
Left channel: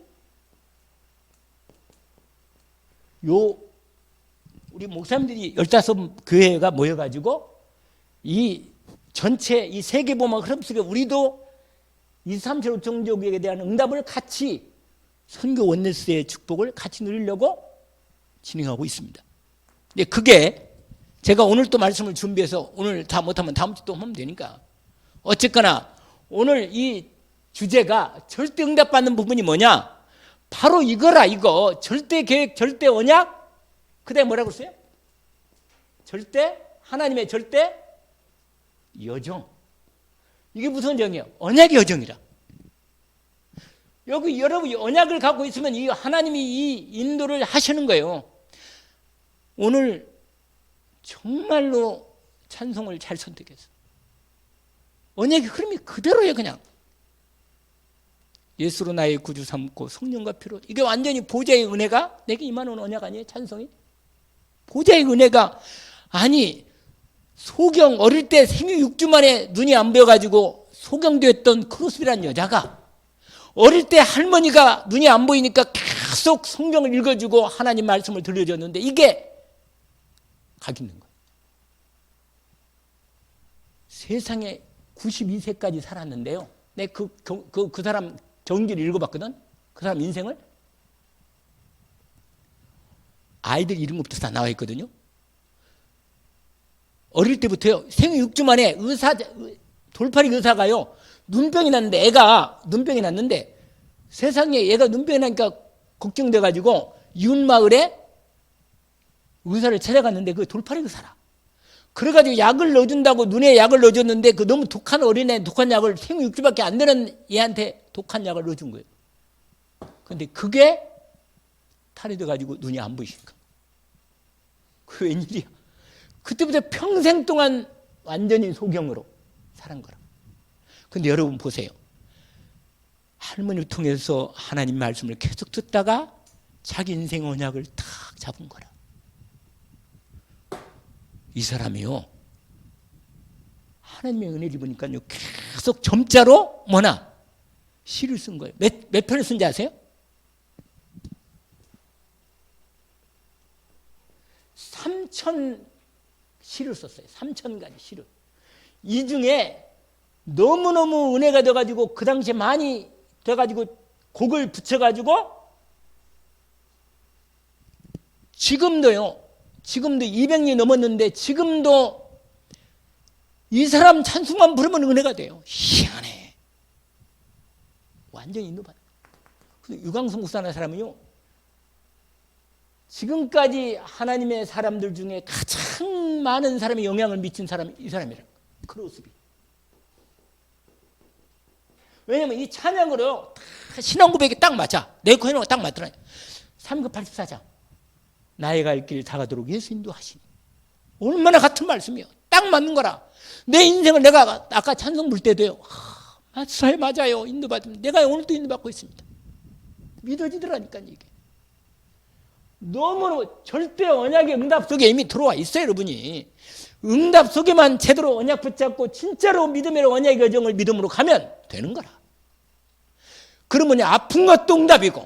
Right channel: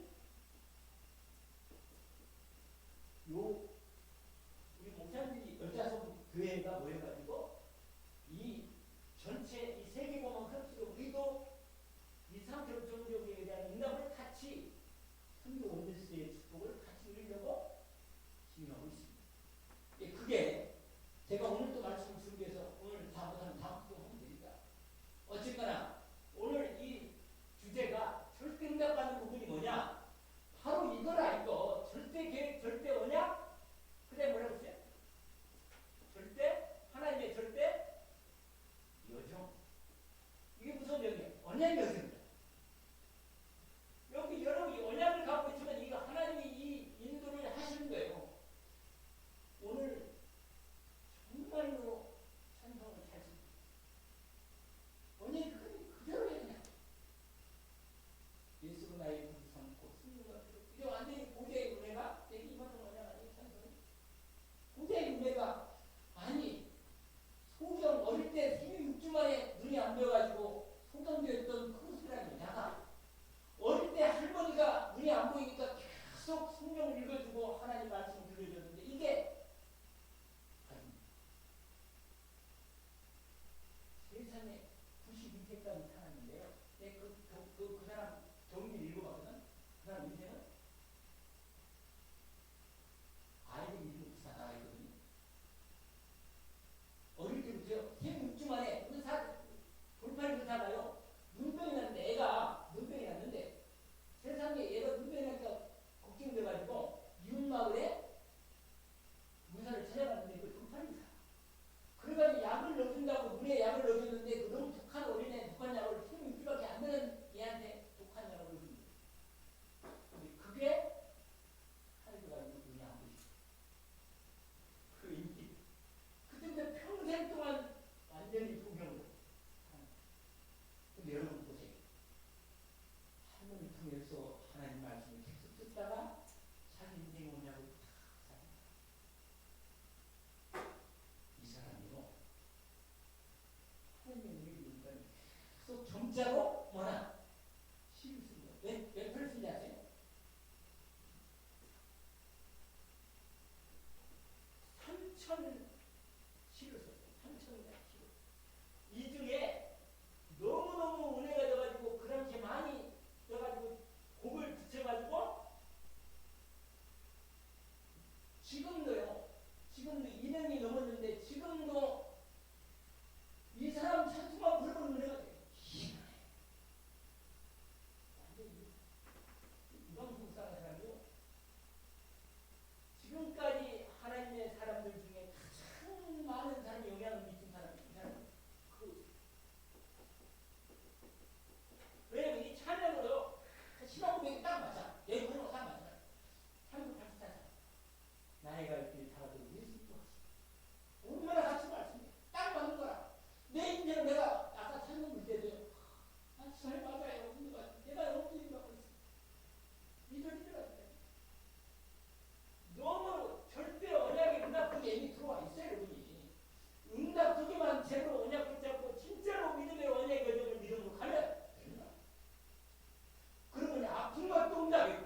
요 우리 목사님들이 15교회가 모여가지고 이 전체 이 세계복음화 흐름 속에 우리도 2, 3, 7, 5종족에 대한 응답을 같이 선교 원네스의 축복을 같이 누리려고 진행하고 있습니다. 근데 그게 제가 오늘 또 말씀을 준비해서 오늘 다 못하면 다음 주 또 하면 되니까, 어쨌거나 오늘 이 주제가 절대 응답받는 부분이 뭐냐? 바로 이거라. 이거 절대 계획, 절대 언약, 그 다음에 뭐라고 했어요? 절대, 하나님의 절대 여정. 이게 무슨 정이에요? 언약의 여정이라. 여기 여러분 언약을 갖고 있으면 이 하나님이 이 인도를 하시는 거예요. 오늘 정말로 찬송을 잘 선택했어. 언약의 흐름이 그대로예요. 그냥 예수로 나의 구주 삼고 성령과 피로, 이게 완전히 보좌의 은혜가 내게 임하는 언약 아니에요? 찬송이 보좌의 은혜가. 아니, 소경 어릴 때 생유 6주 만에 눈이 안 보여가지고 소경되었던 크로스비라는 여자가 어릴 때 할머니가 눈이 안 보이니까 계속 성경을 읽어주고 하나님 말씀을 들려줬는데 이게 각 있는 거예요. 세상에 92세까지 살았는데요. 내 그 사람 경기를 읽어봤거든. 그 사람 인생을. 아이들 이름부터 다 나와 있거든요. 어릴 때부터요. 생후 6주 만에 돌팔이 의사가요. 눈병이 났는데, 애가 눈병이 났는데 세상에 얘가 눈병이 나니까 걱정돼가지고 이웃마을에 의사를 찾아갔는데 그 돌팔이 의사라. 그래가지고 약을 넣어준다고 눈에 약을 넣어줬는데 그 너무 독한 어린애 독한 약을 생후 6주밖에 안 되는 얘한테 독한 약을 넣어준 거예요. 근데 그게 탈이 돼가지고 눈이 안 보이니까. 그 웬일이야. 그때부터 평생 동안 완전히 소경으로 살은 거라. 근데 여러분 보세요. 할머니를 통해서 하나님 말씀을 계속 듣다가 자기 인생 언약을 탁 잡은 거라. 이 사람이요, 하나님의 은혜를 보니까요, 계속 점자로 뭐나 시를 쓴 거예요. 몇 편을 쓴지 아세요? 3,000 시를 썼어요. 3,000가지 시를. 이 중에 너무너무 은혜가 돼가지고 그 당시에 많이 돼가지고 곡을 붙여가지고 지금도 200년이 넘었는데 지금도 이 사람 찬송만 부르면 은혜가 돼요. 희한해. 완전히 인도받아. 유광성 목사라는 사람은요, 지금까지 하나님의 사람들 중에 가장 많은 사람이 영향을 미친 사람이 이 사람이에요. 크로스비. 왜냐면 이 찬양으로 신앙 고백이 딱 맞아. 내 코에는 딱 맞더라. 3급 84장. 나의 갈 길 다가도록 예수 인도하시니. 얼마나 같은 말씀이에요. 딱 맞는 거라. 내 인생을 내가 아까 찬송 부를 때도요. 맞아요. 인도받으면 내가 오늘도 인도받고 있습니다. 믿어지더라니까 이게. 너무 절대 언약의 응답 속에 이미 들어와 있어요, 여러분이. 응답 속에만 제대로 언약 붙잡고 진짜로 믿음의 언약의 여정을 믿음으로 가면 되는 거라. 그러면 아픈 것도 응답이고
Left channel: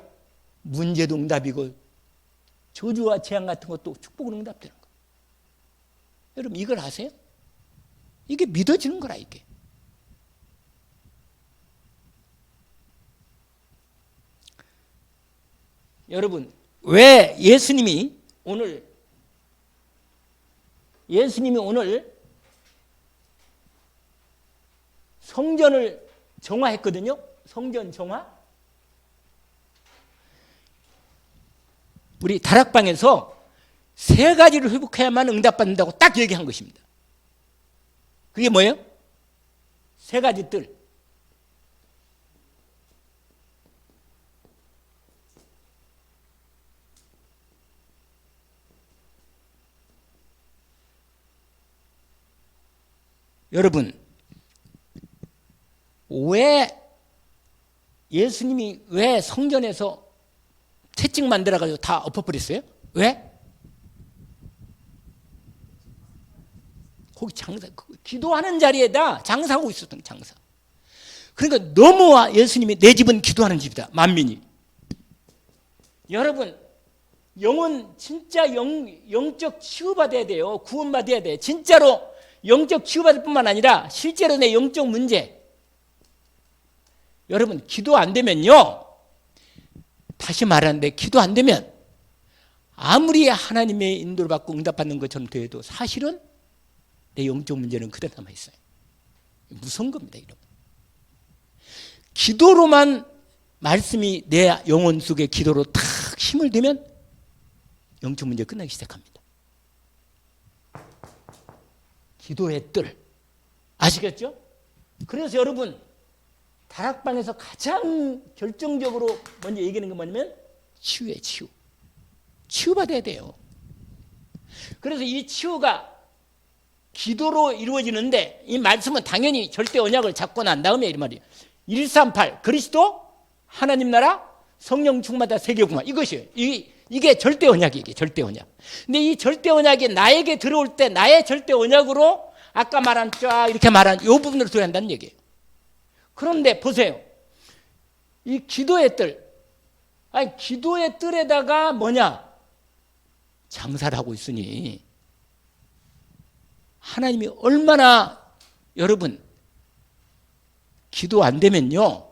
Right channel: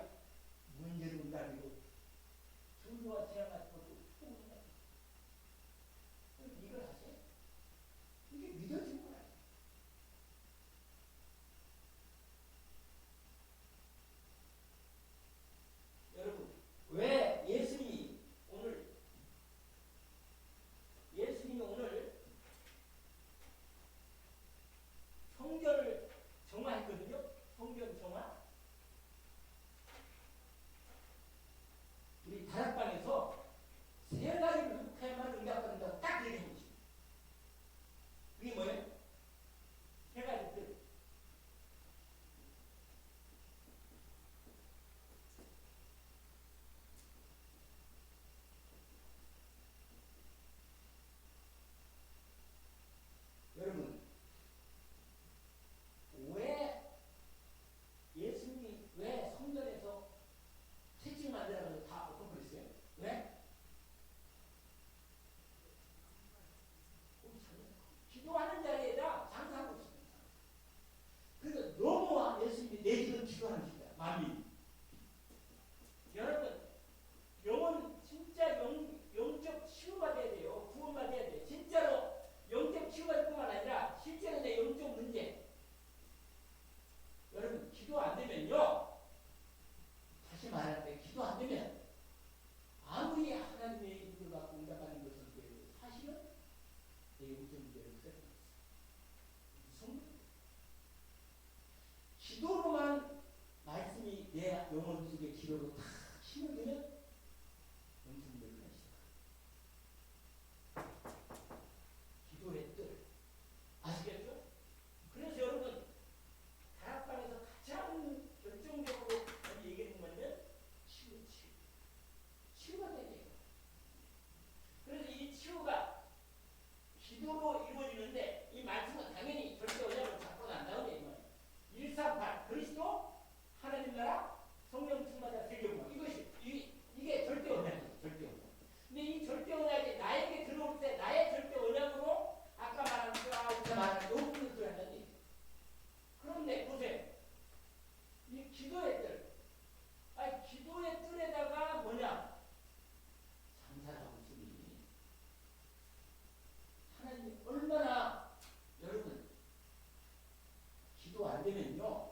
문제도 응답이고 저주와 재앙 같은 것도 축복으로 응답되는 거예요. 여러분 이걸 아세요? 이게 믿어지는 거라 이게. 여러분 왜 예수님이 오늘 성전을 정화했거든요. 성전 정화. 우리 다락방에서 3가지를 회복해야만 응답받는다고 딱 얘기한 것입니다. 그게 뭐예요? 3가지 뜰. 여러분, 예수님이 왜 성전에서 채찍 만들어가지고 다 엎어버렸어요? 왜? 거기 기도하는 자리에다 장사하고 있었던 장사. 그러니까 너무 예수님이 내 집은 기도하는 집이다. 만민이. 여러분, 영혼 진짜 영적 치유받아야 돼요. 구원받아야 돼. 진짜로 영적 치유받을 뿐만 아니라 실제로 내 영적 문제. 여러분 기도 안 되면요, 다시 말하는데 기도 안 되면 아무리 하나님의 인도를 받고 응답받는 것처럼 돼도 사실은 내 영적 문제는 그대로 남아있어요. 무서운 겁니다. 여러분. 기도로만 말씀이 내 영혼 속에 기도로 탁 힘을 대면 영적 문제 끝나기 시작합니다. 기도의 뜰. 아시겠죠? 그래서 여러분 다락방에서 가장 결정적으로 먼저 얘기하는 건 뭐냐면 치유예요. 치유받아야 돼요. 그래서 이 치유가 기도로 이루어지는데 이 말씀은 당연히 절대 언약을 잡고 난 다음에 이 말이에요. 138 그리스도 하나님 나라 성령 충만다 세계구만. 이것이에요. 이게 절대 언약이에요. 이게 절대 언약. 근데 이 절대 언약이 나에게 들어올 때 나의 절대 언약으로 아까 말한 쫙 이렇게 말한 이 부분으로 들어간다는 얘기예요. 그런데 보세요. 이 기도의 뜰. 아니 기도의 뜰에다가 뭐냐? 장사를 하고 있으니 하나님이 얼마나 여러분 기도 안 되면요.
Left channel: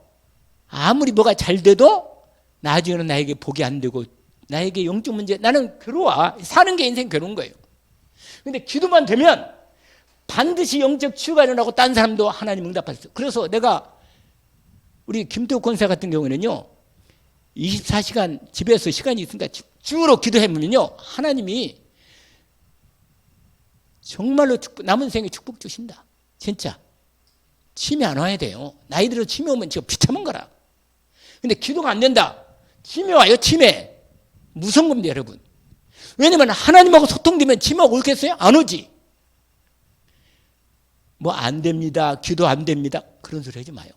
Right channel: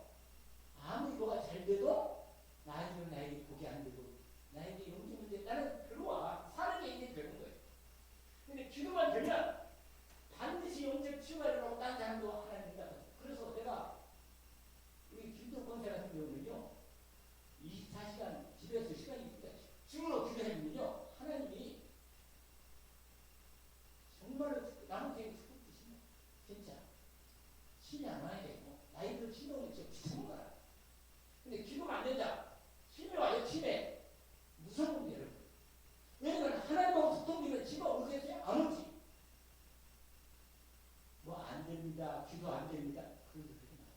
아무리 뭐가 잘 돼도 나중에는 나에게 복이 안 되고 나에게 영적 문제 나는 괴로워. 사는 게 인생 괴로운 거예요. 근데 기도만 되면 반드시 영적 치유가 일어나고 딴 사람도 하나님 응답하셨어요. 그래서 내가 우리 김태욱 권사 같은 경우는요 24시간 집에서 시간이 있으니까 주로 기도해보면요 하나님이 정말로 남은 생에 축복 주신다. 진짜 치매 안 와야 돼요. 나이 들어 치매 오면 지금 비참한 거라. 근데 기도가 안 된다. 치매 와요. 치매. 무서운 겁니다 여러분. 왜냐면 하나님하고 소통되면 치매가 오겠어요? 안 오지. 뭐 안 됩니다, 기도 안 됩니다, 그런 소리 하지 마요.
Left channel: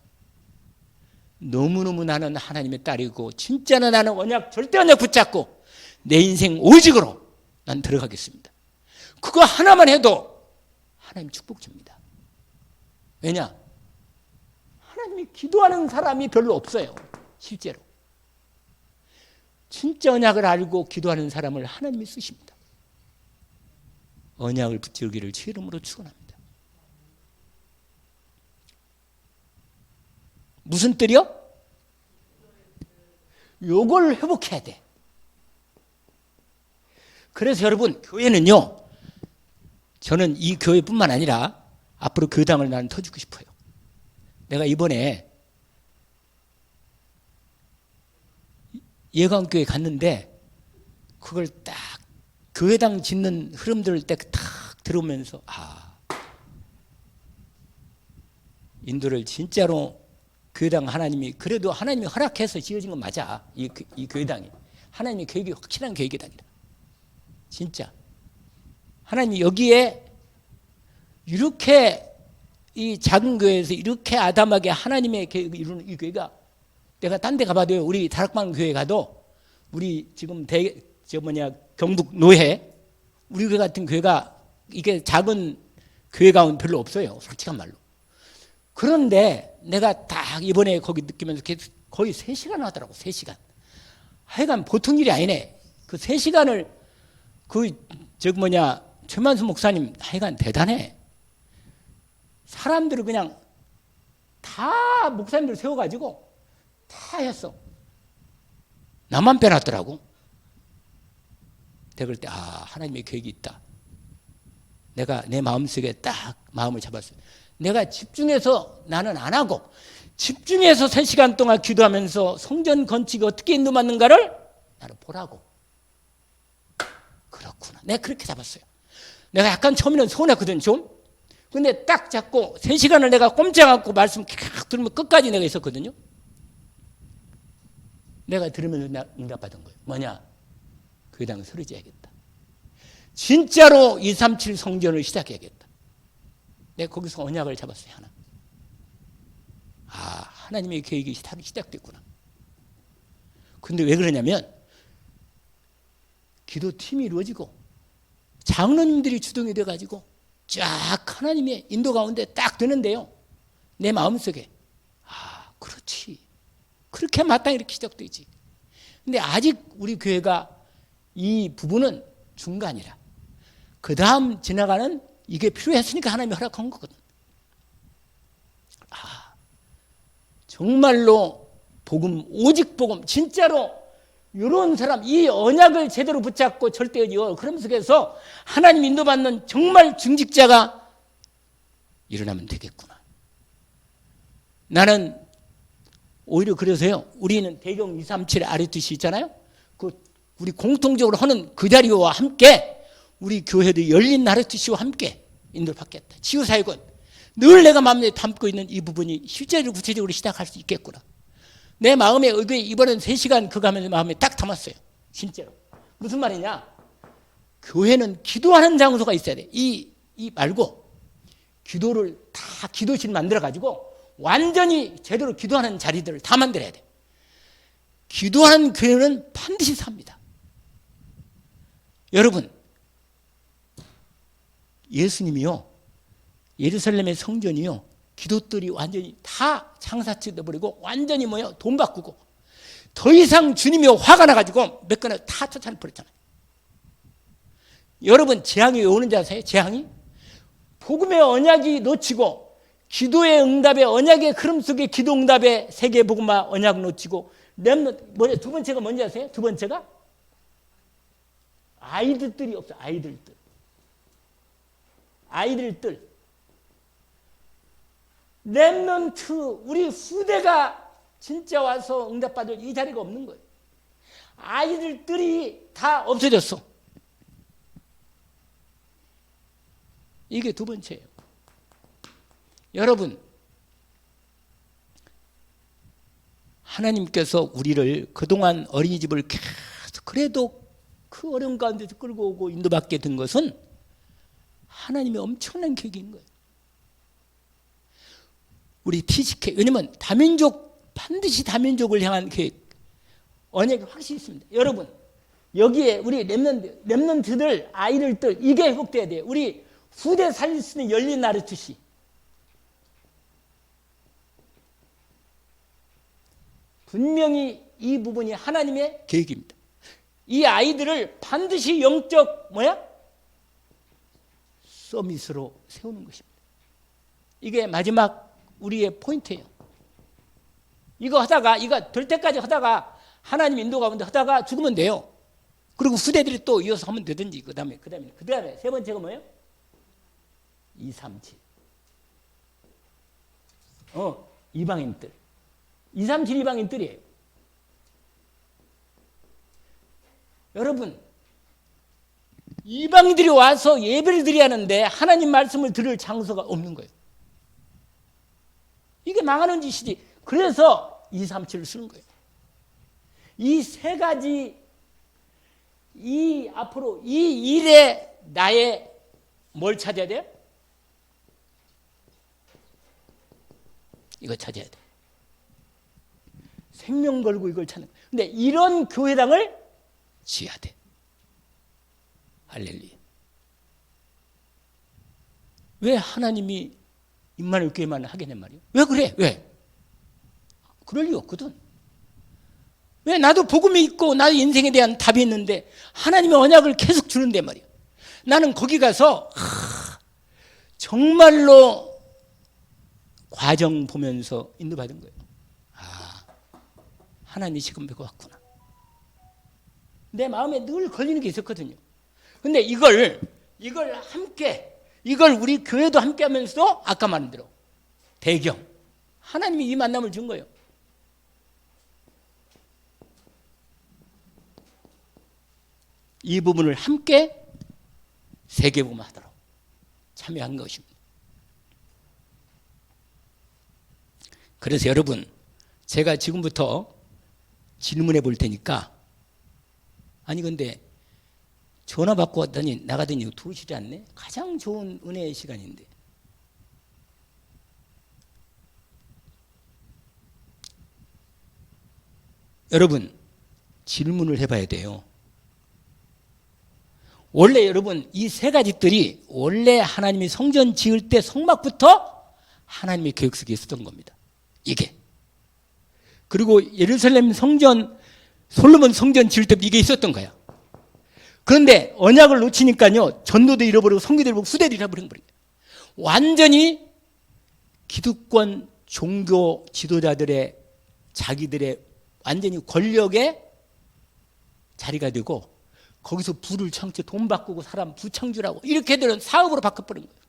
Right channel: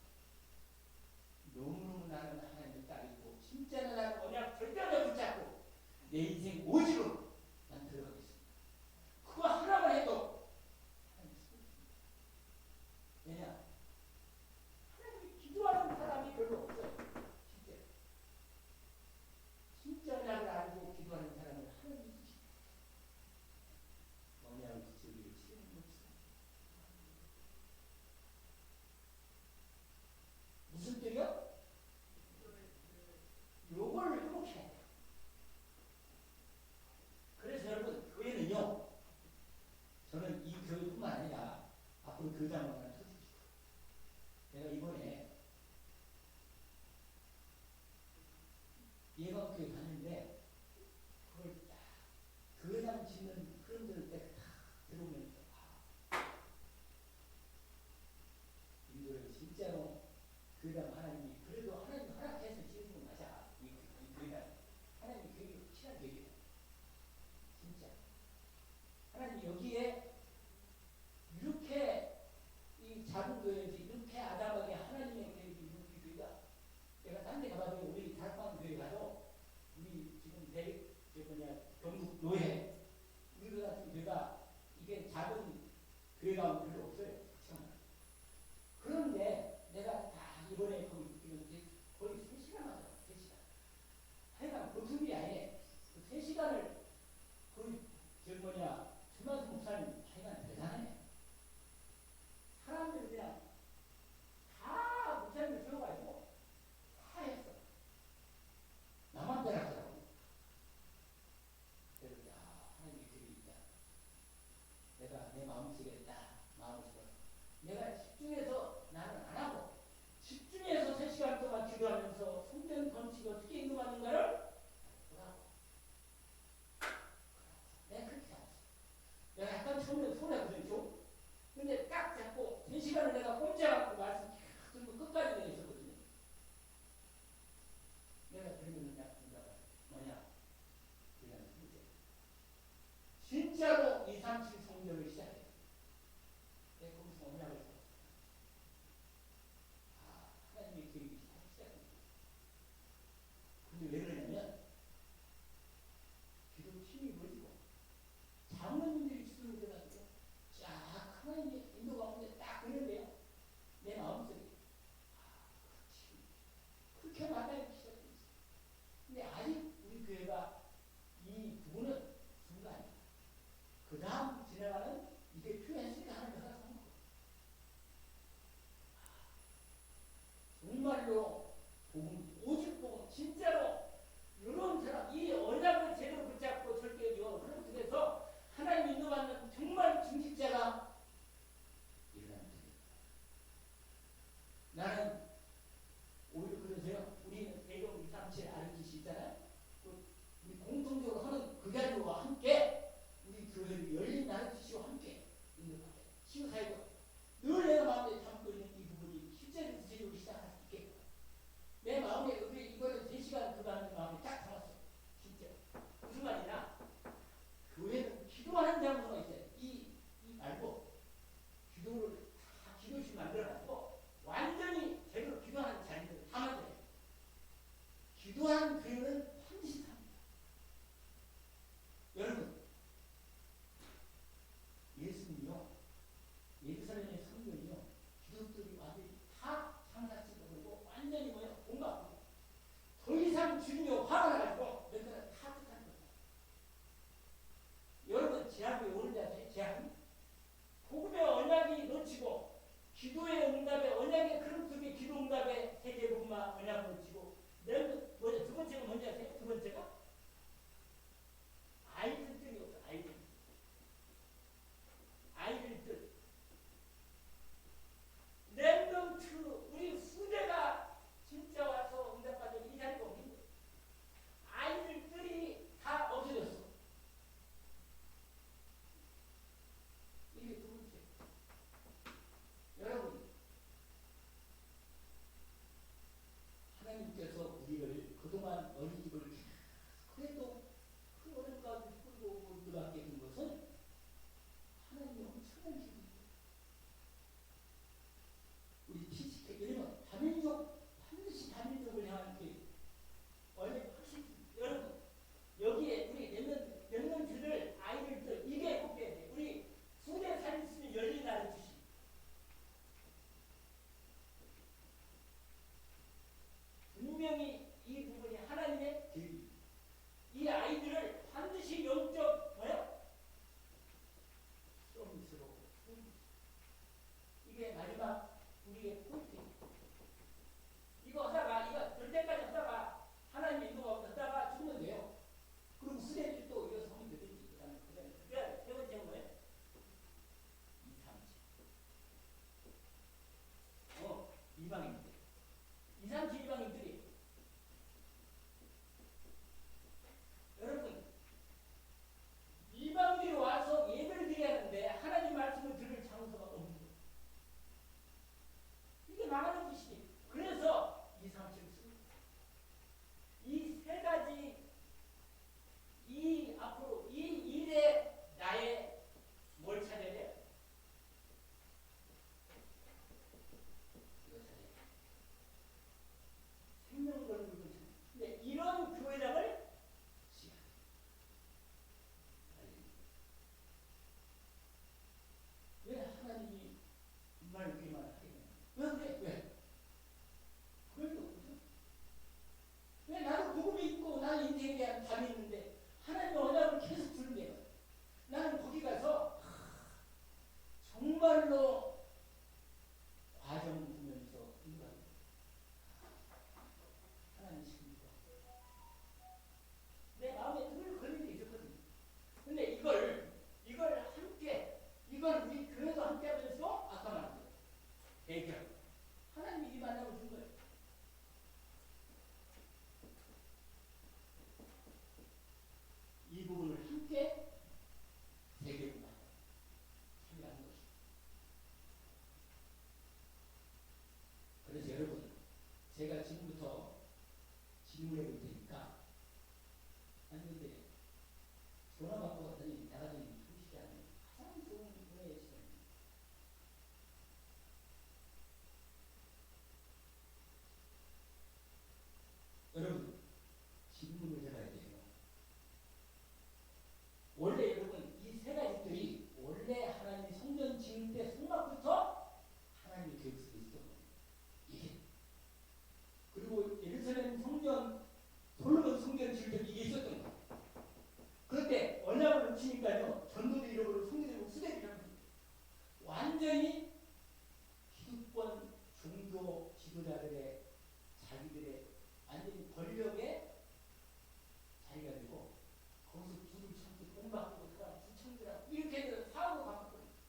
너무너무 나는 하나님의 딸이고 진짜는 나는 언약, 절대 언약 붙잡고 내 인생 오직으로 난 들어가겠습니다. 그거 하나만 해도 하나님 축복 줍니다. 왜냐? 하나님이 기도하는 사람이 별로 없어요. 실제로. 진짜 언약을 알고 기도하는 사람을 하나님이 쓰십니다. 언약을 붙들기를 주 이름으로 축원합니다. 무슨 뜰이요? 요걸 회복해야 돼. 그래서 여러분, 교회는요, 저는 이 교회뿐만 아니라 앞으로 교당을 나는 터주고 싶어요. 내가 이번에 예강교회 갔는데 그걸 딱 교회당 짓는 흐름들을 딱 들어오면서 인도를 진짜로 교회당 하나님이, 그래도 하나님이 허락해서 지어진 건 맞아. 이 교회당이 하나님의 계획이 확실한 계획이다. 진짜 하나님이 여기에 이렇게 이 작은 교회에서 이렇게 아담하게 하나님의 계획을 이루는 이 교회가, 내가 딴 데 가봐도요, 우리 다락방 교회 가도 우리 지금 경북 노회 우리 교회 같은 교회가 이게 작은 교회 가운데 별로 없어요, 솔직한 말로. 그런데 내가 딱 이번에 거기 느끼면서 거의 3시간 하더라고. 3시간. 하여간 보통 일이 아니네. 그 3시간을 최만수 목사님 하여간 대단해. 사람들을 그냥 다 목사님들 세워가지고 다 했어. 나만 빼놨더라고. 내가 그럴 때 하나님의 계획이 있다. 내가 내 마음속에 딱 마음을 잡았어요. 내가 집중해서 나는 안 하고 집중해서 3시간 동안 기도하면서 성전 건축이 어떻게 인도받는가를 나는 보라고. 그렇구나. 내가 그렇게 잡았어요. 내가 약간 처음에는 서운했거든 좀. 근데 딱 잡고 3시간을 내가 꼼짝 않고 말씀 쫙 들으면 끝까지 내가 있었거든요. 내가 들으면서 응답받은 거예요. 뭐냐? 교회당을 소리 지어야겠다. 진짜로 237 성전을 시작해야겠다. 내가 거기서 언약을 잡았어요. 하나님의 계획이 시작됐구나. 근데 왜 그러냐면 기도팀이 이루어지고 장로님들이 주동이 돼가지고 쫙 하나님의 인도 가운데 딱 되는데요, 내 마음속에 그렇지, 그렇게 마땅히 이렇게 시작되지. 근데 아직 우리 교회가 이 부분은 중간이라, 그 다음 지나가는 이게 필요했으니까 하나님이 허락한 거거든. 정말로 복음, 오직 복음, 진짜로 이런 사람, 이 언약을 제대로 붙잡고 절대요, 그런 속에서 하나님 인도받는 정말 중직자가 일어나면 되겠구나. 나는 오히려 그래서요, 우리는 대경 237 아리투시 있잖아요. 우리 공통적으로 하는 그 자리와 함께 우리 교회도 열린 아리투시와 함께 인도를 받겠다. 치유사역은 늘 내가 마음에 담고 있는 이 부분이 실제로 구체적으로 시작할 수 있겠구나. 내 마음에 이번엔 3시간 그거 하면서 마음에 딱 담았어요. 진짜로. 무슨 말이냐? 교회는 기도하는 장소가 있어야 돼. 이 말고 기도를 다 기도실 만들어가지고 완전히 제대로 기도하는 자리들을 다 만들어야 돼. 기도하는 교회는 반드시 삽니다. 여러분, 예수님이요, 예루살렘의 성전이요, 기도들이 완전히 다 장사치 돼버리고 완전히 돈 바꾸고 더 이상 주님이 화가 나가지고 몇 건을 다 쫓아내버렸잖아요. 여러분, 재앙이 왜 오는지 아세요? 재앙이 복음의 언약이 놓치고 기도의 응답의 언약의 흐름 속에 기도 응답의 세계 복음화 언약 놓치고 두 번째가 뭔지 아세요? 두 번째가 아이들들이 없어. 아이들들 렘넌트, 우리 후대가 진짜 와서 응답받을 이 자리가 없는 거예요. 아이들들이 다 없어졌어. 이게 두 번째예요. 여러분, 하나님께서 우리를 그동안 어린이집을 계속 그래도 그 어려운 가운데서 끌고 오고 인도받게 된 것은 하나님의 엄청난 계획인 거예요. 우리 TCK, 왜냐면 다민족, 반드시 다민족을 향한 계획, 언약이 확실히 있습니다. 여러분, 여기에 우리 렘넌트들, 아이들들, 이게 회복돼야 돼요. 우리 후대 살릴 수 있는 열린 나르투시. 분명히 이 부분이 하나님의 계획입니다. 이 아이들을 반드시 영적 서밋으로 세우는 것입니다. 이게 마지막 우리의 포인트예요. 이거 될 때까지 하다가 하나님 인도 가운데 하다가 죽으면 돼요. 그리고 후대들이 또 이어서 하면 되든지. 그 다음에 세 번째가 뭐예요? 237. 이방인들. 237 이방인들이에요. 여러분, 이방인들이 와서 예배를 드려야 하는데 하나님 말씀을 들을 장소가 없는 거예요. 이게 망하는 짓이지. 그래서 237을 쓰는 거예요. 이 세 가지, 앞으로 이 일에 나의 뭘 찾아야 돼요? 이거 찾아야 돼. 생명 걸고 이걸 찾는. 근데 이런 교회당을 지어야 돼. 할렐루야. 왜 하나님이 임마누엘 교회만 하겠냐 말이에요? 왜 그래? 왜? 그럴 리 없거든. 왜? 나도 복음이 있고 나도 인생에 대한 답이 있는데 하나님의 언약을 계속 주는데 말이에요. 나는 거기 가서 정말로 과정 보면서 인도받은 거예요. 하나님이 지금 뵙고 왔구나. 내 마음에 늘 걸리는 게 있었거든요. 근데 이걸 함께, 우리 교회도 함께 하면서도 아까 말한 대로 배경, 하나님이 이 만남을 준 거예요. 이 부분을 함께 세계복음화하도록 참여한 것입니다. 그래서 여러분, 제가 지금부터 질문해 볼 테니까, 아니 근데 전화 받고 왔더니 나가더니 2시지 않네? 가장 좋은 은혜의 시간인데. 여러분, 질문을 해봐야 돼요. 원래 여러분, 이 세 가지들이 원래 하나님이 성전 지을 때 성막부터 하나님의 계획 속에 있었던 겁니다. 이게. 그리고 예루살렘 성전, 솔로몬 성전 지을 때도 이게 있었던 거야. 그런데 언약을 놓치니까요, 전도도 잃어버리고 성교도 잃어버리고 후대도 잃어버린 거예요. 완전히 기득권 종교 지도자들의 자기들의 완전히 권력의 자리가 되고, 거기서 부를 창조, 돈 바꾸고 사람 부창주라고 이렇게 되는 사업으로 바꿔버린 거예요.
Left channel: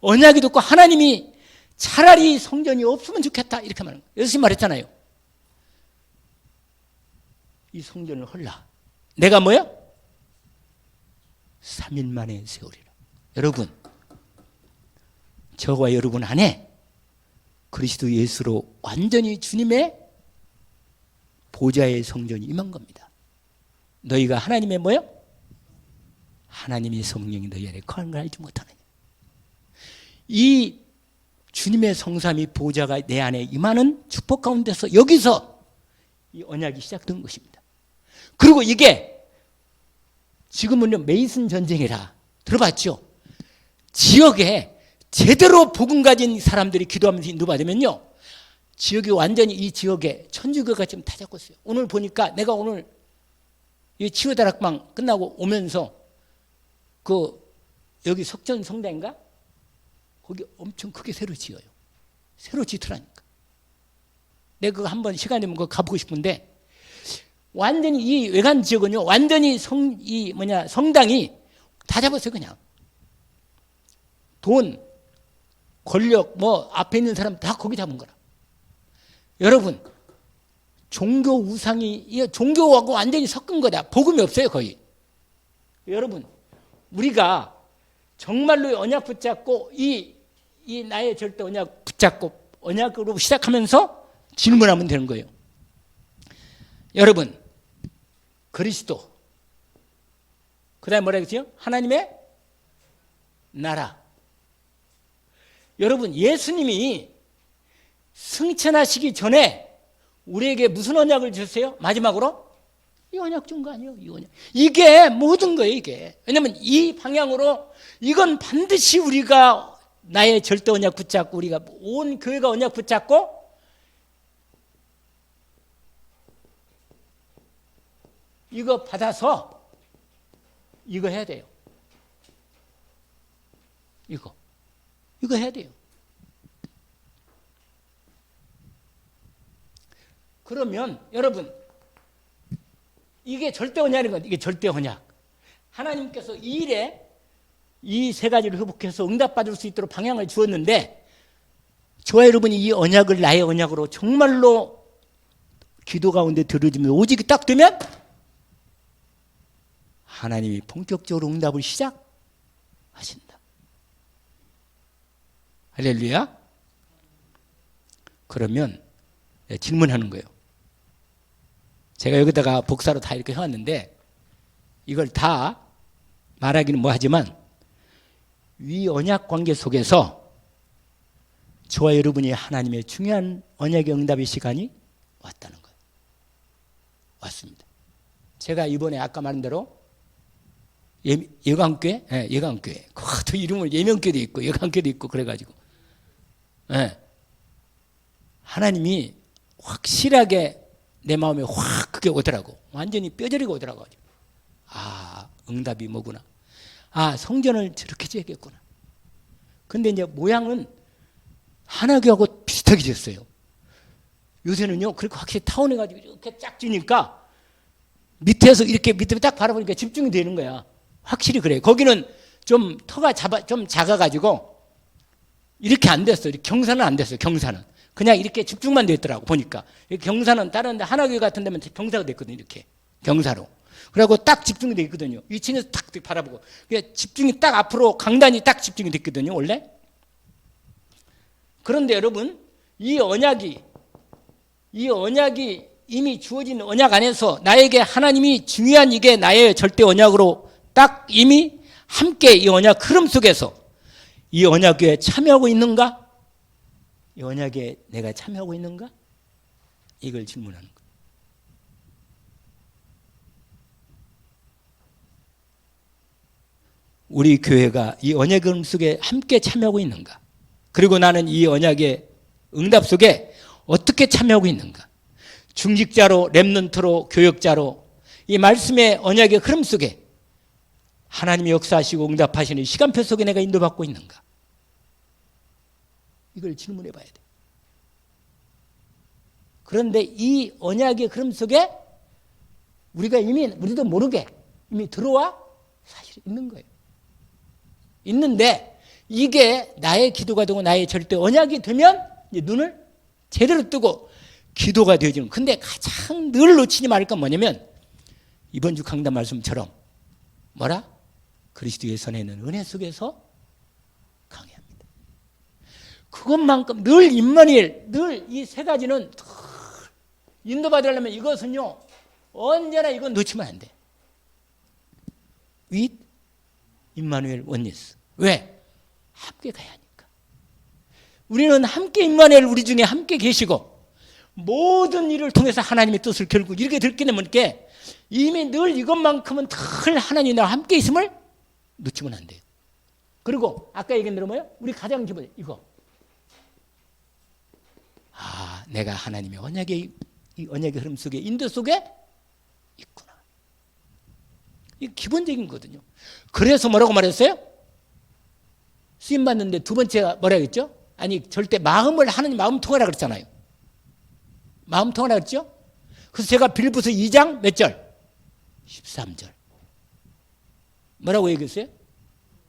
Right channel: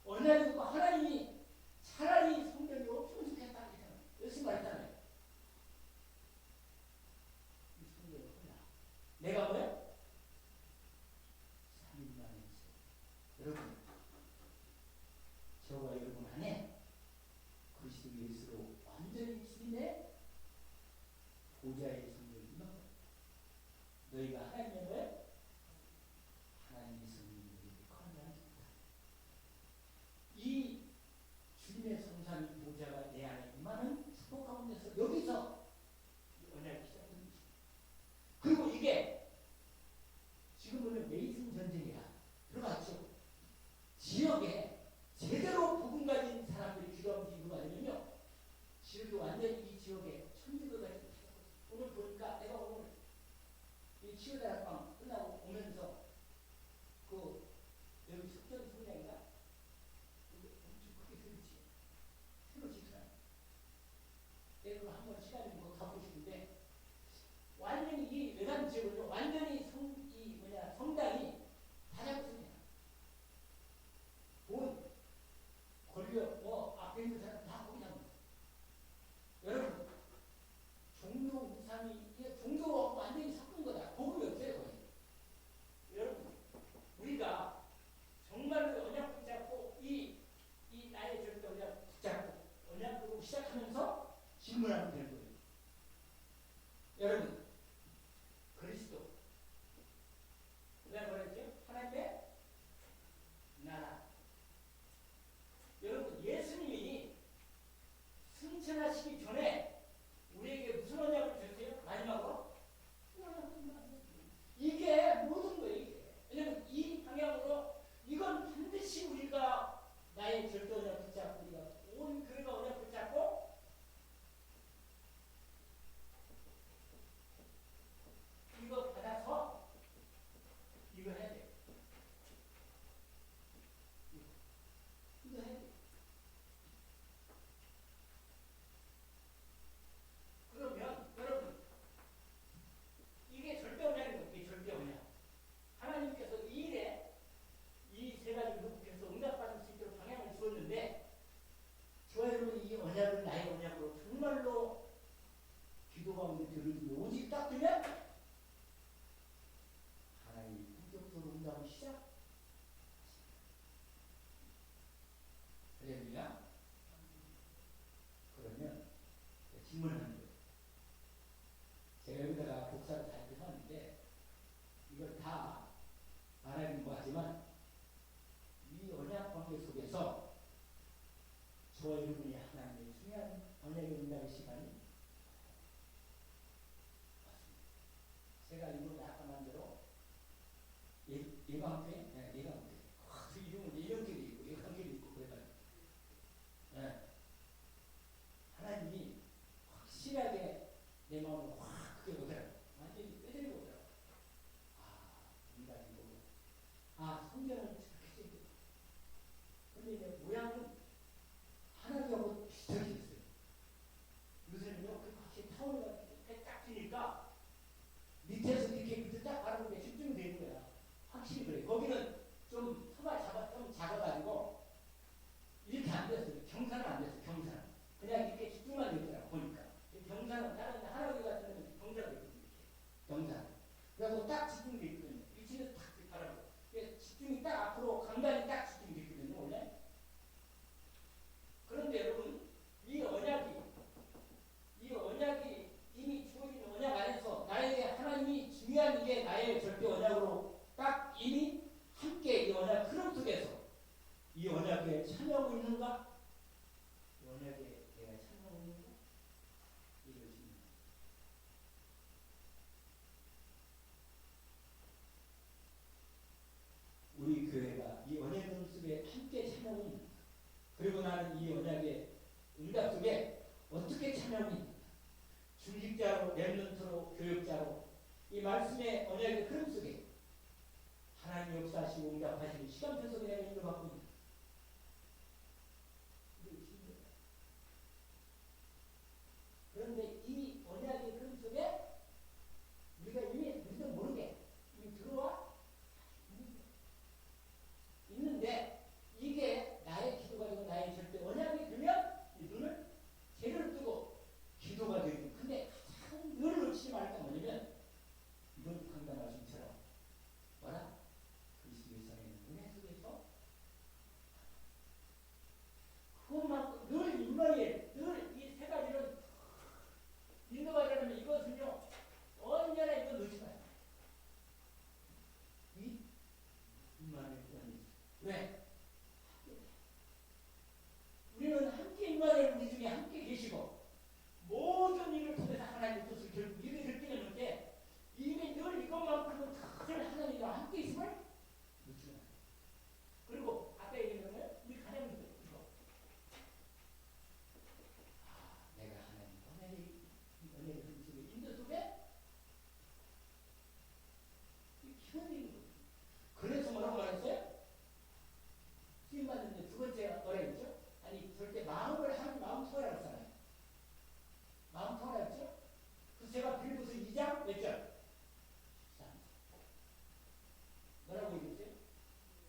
언약이 듣고 하나님이 차라리 성전이 없으면 좋겠다 이렇게 말하는 거예요. 예수님 말했잖아요. 이 성전을 헐라. 내가 뭐야? 3일 만에 세우리라. 여러분, 저와 여러분 안에 그리스도 예수로 완전히 주님의 보좌의 성전이 임한 겁니다. 너희가 하나님의 뭐요? 하나님의 성령이 너희 안에 거하는 걸 알지 못하느냐. 이 주님의 성삼위 보좌가 내 안에 임하는 축복 가운데서 여기서 이 언약이 시작된 것입니다. 그리고 이게 지금은 메이슨 전쟁이라 들어봤죠? 지역에 제대로 복음 가진 사람들이 기도하면서 인도받으면요, 지역이 완전히 이 지역에 천주교가 지금 다 잡고 있어요. 오늘 보니까 내가 오늘 이 치유다락방 끝나고 오면서 여기 석전 성당인가? 거기 엄청 크게 새로 지어요. 새로 짓더라니까. 내가 그거 한번 시간 되면 그거 가보고 싶은데, 완전히 이 외관 지역은요, 완전히 성당이 다 잡았어요, 그냥. 돈, 권력, 앞에 있는 사람 다 거기 잡은 거라. 여러분, 종교 우상이, 종교하고 완전히 섞은 거다. 복음이 없어요, 거의. 여러분, 우리가 정말로 언약 붙잡고, 이 나의 절대 언약 붙잡고, 언약으로 시작하면서 질문하면 되는 거예요. 여러분, 그리스도, 그 다음에 뭐라 그랬죠? 하나님의 나라. 여러분, 예수님이 승천하시기 전에 우리에게 무슨 언약을 주세요? 마지막으로 이 언약 준 거 아니에요? 이 언약. 이게 모든 거예요, 이게. 왜냐면 이 방향으로 이건 반드시 우리가 나의 절대 언약 붙잡고 우리가 온 교회가 언약 붙잡고 이거 받아서 이거 해야 돼요. 이거 해야 돼요. 그러면 여러분 이게 절대 언약인 건 이게 절대 언약. 하나님께서 이 일에 이 세 가지를 회복해서 응답받을 수 있도록 방향을 주었는데 저와 여러분이 이 언약을 나의 언약으로 정말로 기도 가운데 들어주면 오직 딱 되면 하나님이 본격적으로 응답을 시작하신다. 할렐루야. 그러면 질문하는 거예요. 제가 여기다가 복사로 다 이렇게 해왔는데 이걸 다 말하기는 뭐하지만 위 언약 관계 속에서 저와 여러분이 하나님의 중요한 언약의 응답의 시간이 왔다는 거예요. 왔습니다. 제가 이번에 아까 말한 대로 예강교회, 예강교회. 그 이름을 예명교회도 있고 예강교회도 있고 그래가지고 하나님이 확실하게 내 마음에 확 그게 오더라고. 완전히 뼈저리가 오더라고. 아, 응답이 뭐구나. 아, 성전을 저렇게 지었겠구나. 근데 이제 모양은 하나교하고 비슷하게 지었어요. 요새는요, 그렇게 확실히 타원해가지고 이렇게 쫙 지니까 밑에서 이렇게 밑에 딱 바라보니까 집중이 되는 거야. 확실히 그래. 거기는 좀 터가 좀 작아가지고 이렇게 안 됐어. 경사는 안 됐어요. 경사는. 그냥 이렇게 집중만 됐더라고, 보니까. 경사는 다른 데 하나교회 같은 데면 경사가 됐거든요. 이렇게. 경사로. 그리고 딱 집중이 되어 있거든요. 위층에서 딱 바라보고. 집중이 딱 앞으로 강단이 딱 집중이 됐거든요, 원래. 그런데 여러분, 이 언약이 이미 주어진 언약 안에서 나에게 하나님이 중요한 이게 나의 절대 언약으로 딱 이미 함께 이 언약 흐름 속에서 이 언약에 참여하고 있는가? 이 언약에 내가 참여하고 있는가? 이걸 질문하는 거예요. 우리 교회가 이 언약의 흐름 속에 함께 참여하고 있는가? 그리고 나는 이 언약의 응답 속에 어떻게 참여하고 있는가? 중직자로, 렘넌트로, 교역자로 이 말씀의 언약의 흐름 속에 하나님이 역사하시고 응답하시는 시간표 속에 내가 인도받고 있는가? 이걸 질문해 봐야 돼. 그런데 이 언약의 흐름 속에 우리가 이미 우리도 모르게 이미 들어와 사실 있는 거예요. 있는데 이게 나의 기도가 되고 나의 절대 언약이 되면 이제 눈을 제대로 뜨고 기도가 되어지는. 근데 가장 늘 놓치지 말을 건 뭐냐면 이번 주 강단 말씀처럼 뭐라? 그리스도의 손에 있는 은혜 속에서 강해야 합니다. 그것만큼 늘 임마누엘, 늘 이 세 가지는 인도받으려면 이것은요 언제나 이건 놓치면 안 돼. 윗 임마누엘 원리스. 왜? 함께 가야 하니까. 우리는 함께 임마누엘 우리 중에 함께 계시고 모든 일을 통해서 하나님의 뜻을 결국 이렇게 들게 되면 이미 늘 이것만큼은 늘 하나님이 나와 함께 있음을 놓치면 안 돼요. 그리고 아까 얘기한 대로 뭐예요? 우리 가장 기본 이거. 아, 내가 하나님의 언약의 이 언약의 흐름 속에 인도 속에 있구나. 이게 기본적인 거거든요. 그래서 뭐라고 말했어요? 쓰임 받는데 두 번째가 뭐라고 했죠? 아니 절대 마음을 하나님 마음 통하라 그랬잖아요. 마음 통하라 그랬죠? 그래서 제가 빌립보서 2장 몇 절? 13절. 뭐라고 얘기했어요?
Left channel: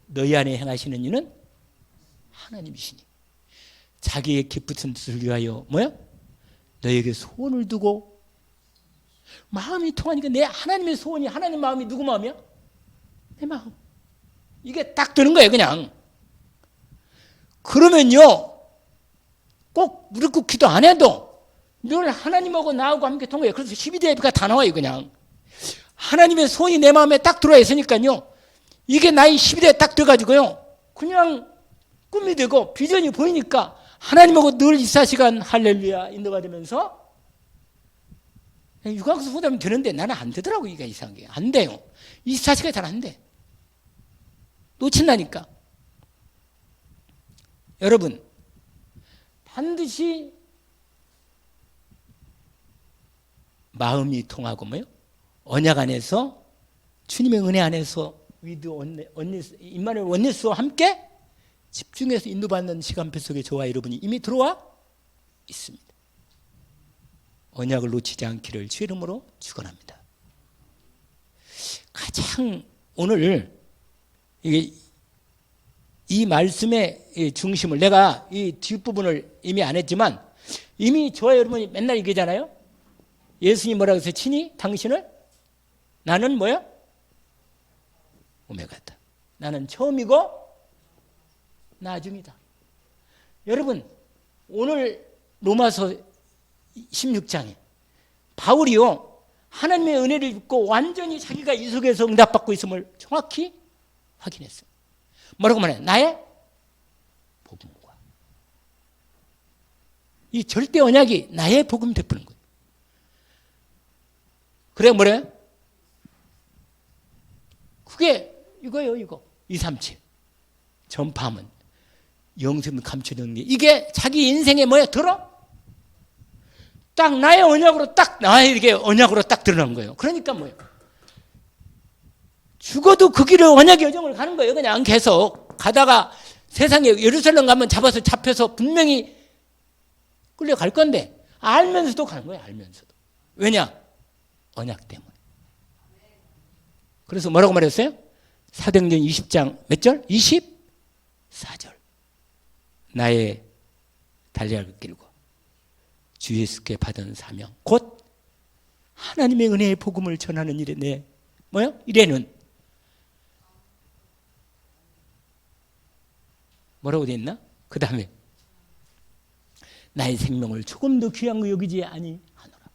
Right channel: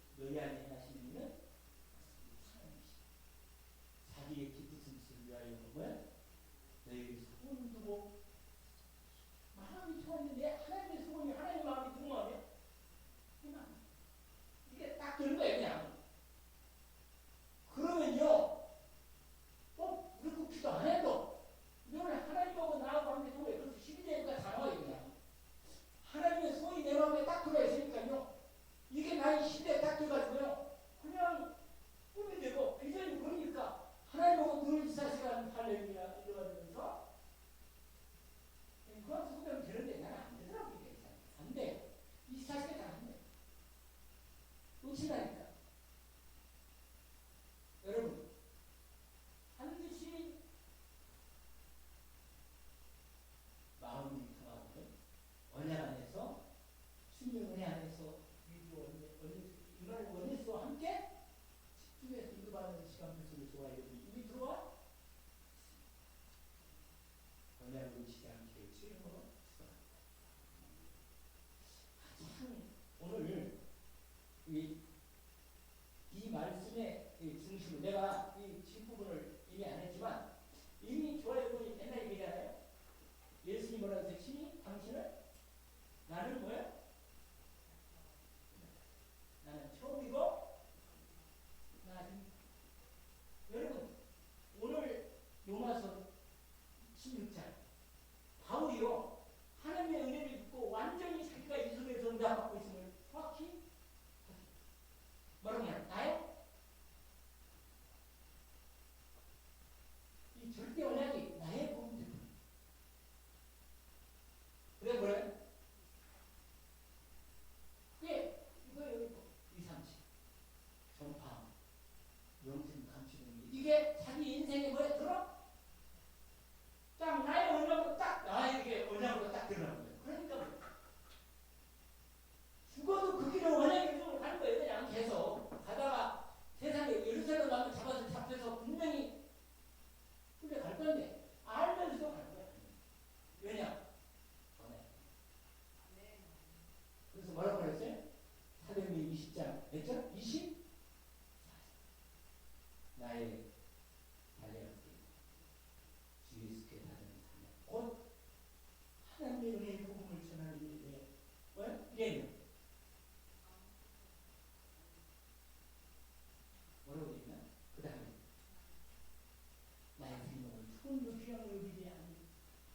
너희 안에 행하시는 이는 하나님이시니 자기의 기쁘신 뜻을 위하여 뭐야? 너에게 소원을 두고 마음이 통하니까 내 하나님의 소원이 하나님 마음이 누구 마음이야? 내 마음. 이게 딱 되는 거예요 그냥. 그러면요 꼭 무릎 꿇고 기도 안 해도 늘 하나님하고 나하고 함께 통해요. 그래서 12대 예배가 다 나와요 그냥. 하나님의 소원이 내 마음에 딱 들어와 있으니까요. 이게 나의 12대에 딱 들어가지고요. 그냥 꿈이 되고 비전이 보이니까 하나님하고 늘 24시간 할렐루야 인도받으면서 유광수 후대면 되는데 나는 안 되더라고. 이게 이상하게 안 돼요. 24시간 잘 안 돼. 놓친다니까. 여러분 반드시 마음이 통하고 뭐요? 언약 안에서 주님의 은혜 안에서 위드 임마누엘 원네스와 함께 집중해서 인도받는 시간표 속에 저와 여러분이 이미 들어와 있습니다. 언약을 놓치지 않기를 주 이름으로 축원합니다. 가장 오늘 이 말씀의 중심을 내가 이 뒷부분을 이미 안 했지만 이미 저와 여러분이 맨날 얘기하잖아요. 예수님 뭐라고 해서 친히 당신을 나는 뭐야? 오메가다. 나는 처음이고 나중이다. 여러분 오늘 로마서 16장에 바울이요 하나님의 은혜를 입고 완전히 자기가 이 속에서 응답받고 있음을 정확히 확인했어요. 뭐라고 말해? 나의 복음과 이 절대 언약이 나의 복음 되푸는 거예요. 그래 뭐래? 그게 이거예요. 이거 237 전파하면 영생을 감춰주는 게 이게 자기 인생에 뭐야? 들어? 딱 나의 언약으로 딱 나에게 언약으로 딱 드러난 거예요. 그러니까 뭐예요? 죽어도 그 길을 언약의 여정을 가는 거예요. 그냥 계속 가다가 세상에 예루살렘 가면 잡혀서 분명히 끌려갈 건데 알면서도 가는 거예요. 알면서도. 왜냐? 언약 때문에. 그래서 뭐라고 말했어요? 사도행전 20장 몇 절? 24절. 나의 달려갈 길과 주 예수께 받은 사명 곧 하나님의 은혜의 복음을 전하는 일에 내 뭐요? 이래는 뭐라고 돼 있나? 그 다음에 나의 생명을 조금도 귀한 거 여기지 아니하노라.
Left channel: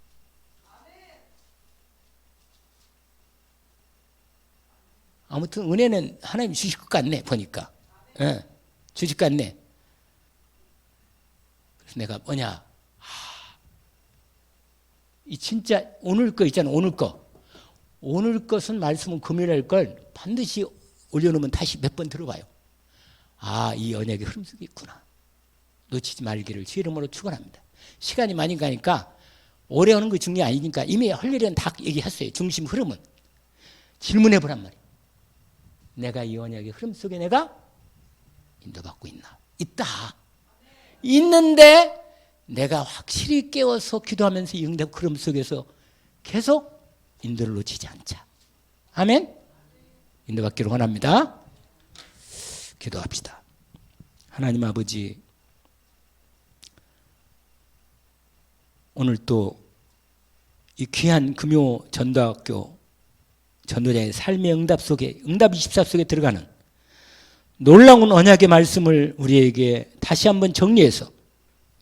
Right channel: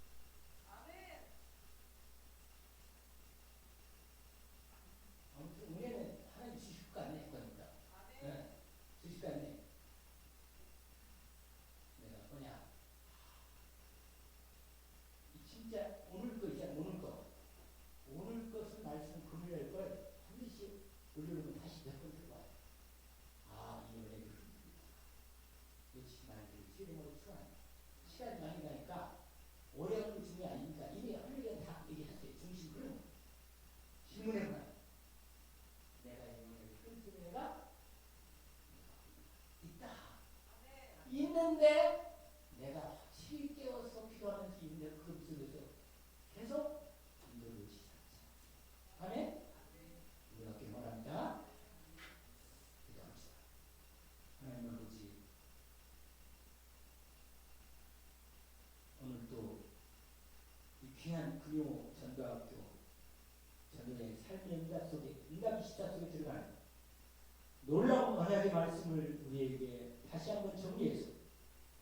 아무튼 은혜는 하나님이 주실 것 같네 보니까. 예, 주실 것 같네. 그래서 내가 뭐냐? 이 진짜 오늘 거 있잖아. 오늘 거. 오늘 것은 말씀은 금요일 할 걸 반드시 올려놓으면 다시 몇 번 들어봐요. 아, 이 언약의 흐름 속에 있구나. 놓치지 말기를 주 이름으로 축원합니다. 시간이 많이 가니까 오래 하는 거 중요이 아니니까 이미 할 일은 다 얘기했어요. 중심 흐름은. 질문해 보란 말이에요. 내가 이 언약의 흐름 속에 내가 인도받고 있나? 있다. 있는데 내가 확실히 깨워서 기도하면서 이 응답 흐름 속에서 계속 인도를 놓치지 않자. 아멘? 인도받기를 원합니다. 기도합시다. 하나님 아버지, 오늘 또 이 귀한 금요 전도학교 전도자의 삶의 응답 속에 응답 24 속에 들어가는 놀라운 언약의 말씀을 우리에게 다시 한번 정리해서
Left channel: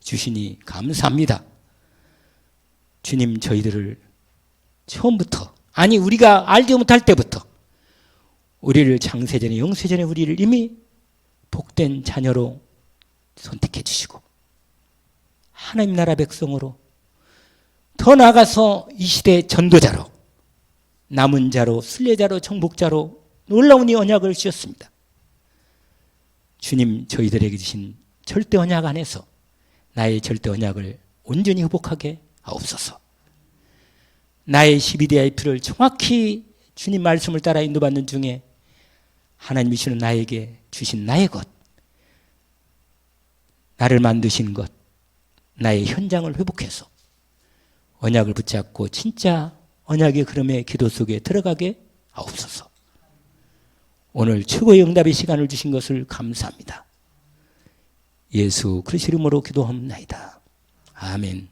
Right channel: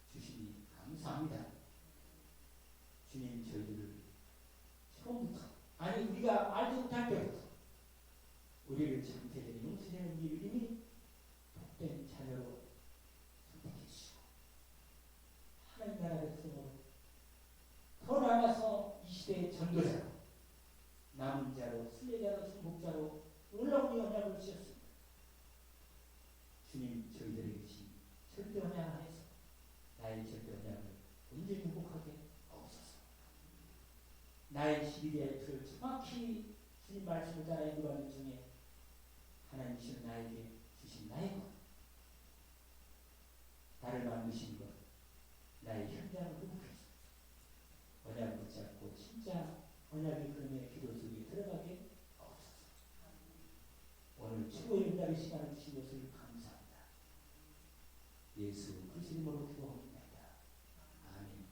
주시니 감사합니다. 주님, 저희들을 처음부터 아니 우리가 알지 못할 때부터 우리를 창세전에 영세전에 우리를 이미 복된 자녀로 선택해 주시고 하나님 나라 백성으로 더 나아가서 이 시대의 전도자로 남은 자로 순례자로 정복자로 놀라운 이 언약을 주셨습니다. 주님, 저희들에게 주신 절대 언약 안에서 나의 절대 언약을 온전히 회복하게 하옵소서. 나의 12DIP를 정확히 주님 말씀을 따라 인도받는 중에 하나님이 주시는 나에게 주신 나의 것, 나를 만드신 것, 나의 현장을 회복해서 언약을 붙잡고 진짜 언약의 흐름의 기도 속에 들어가게 하옵소서. 오늘 최고의 응답의 시간을 주신 것을 감사합니다. 예수 그리스도 이름으로 기도합니다. 아멘.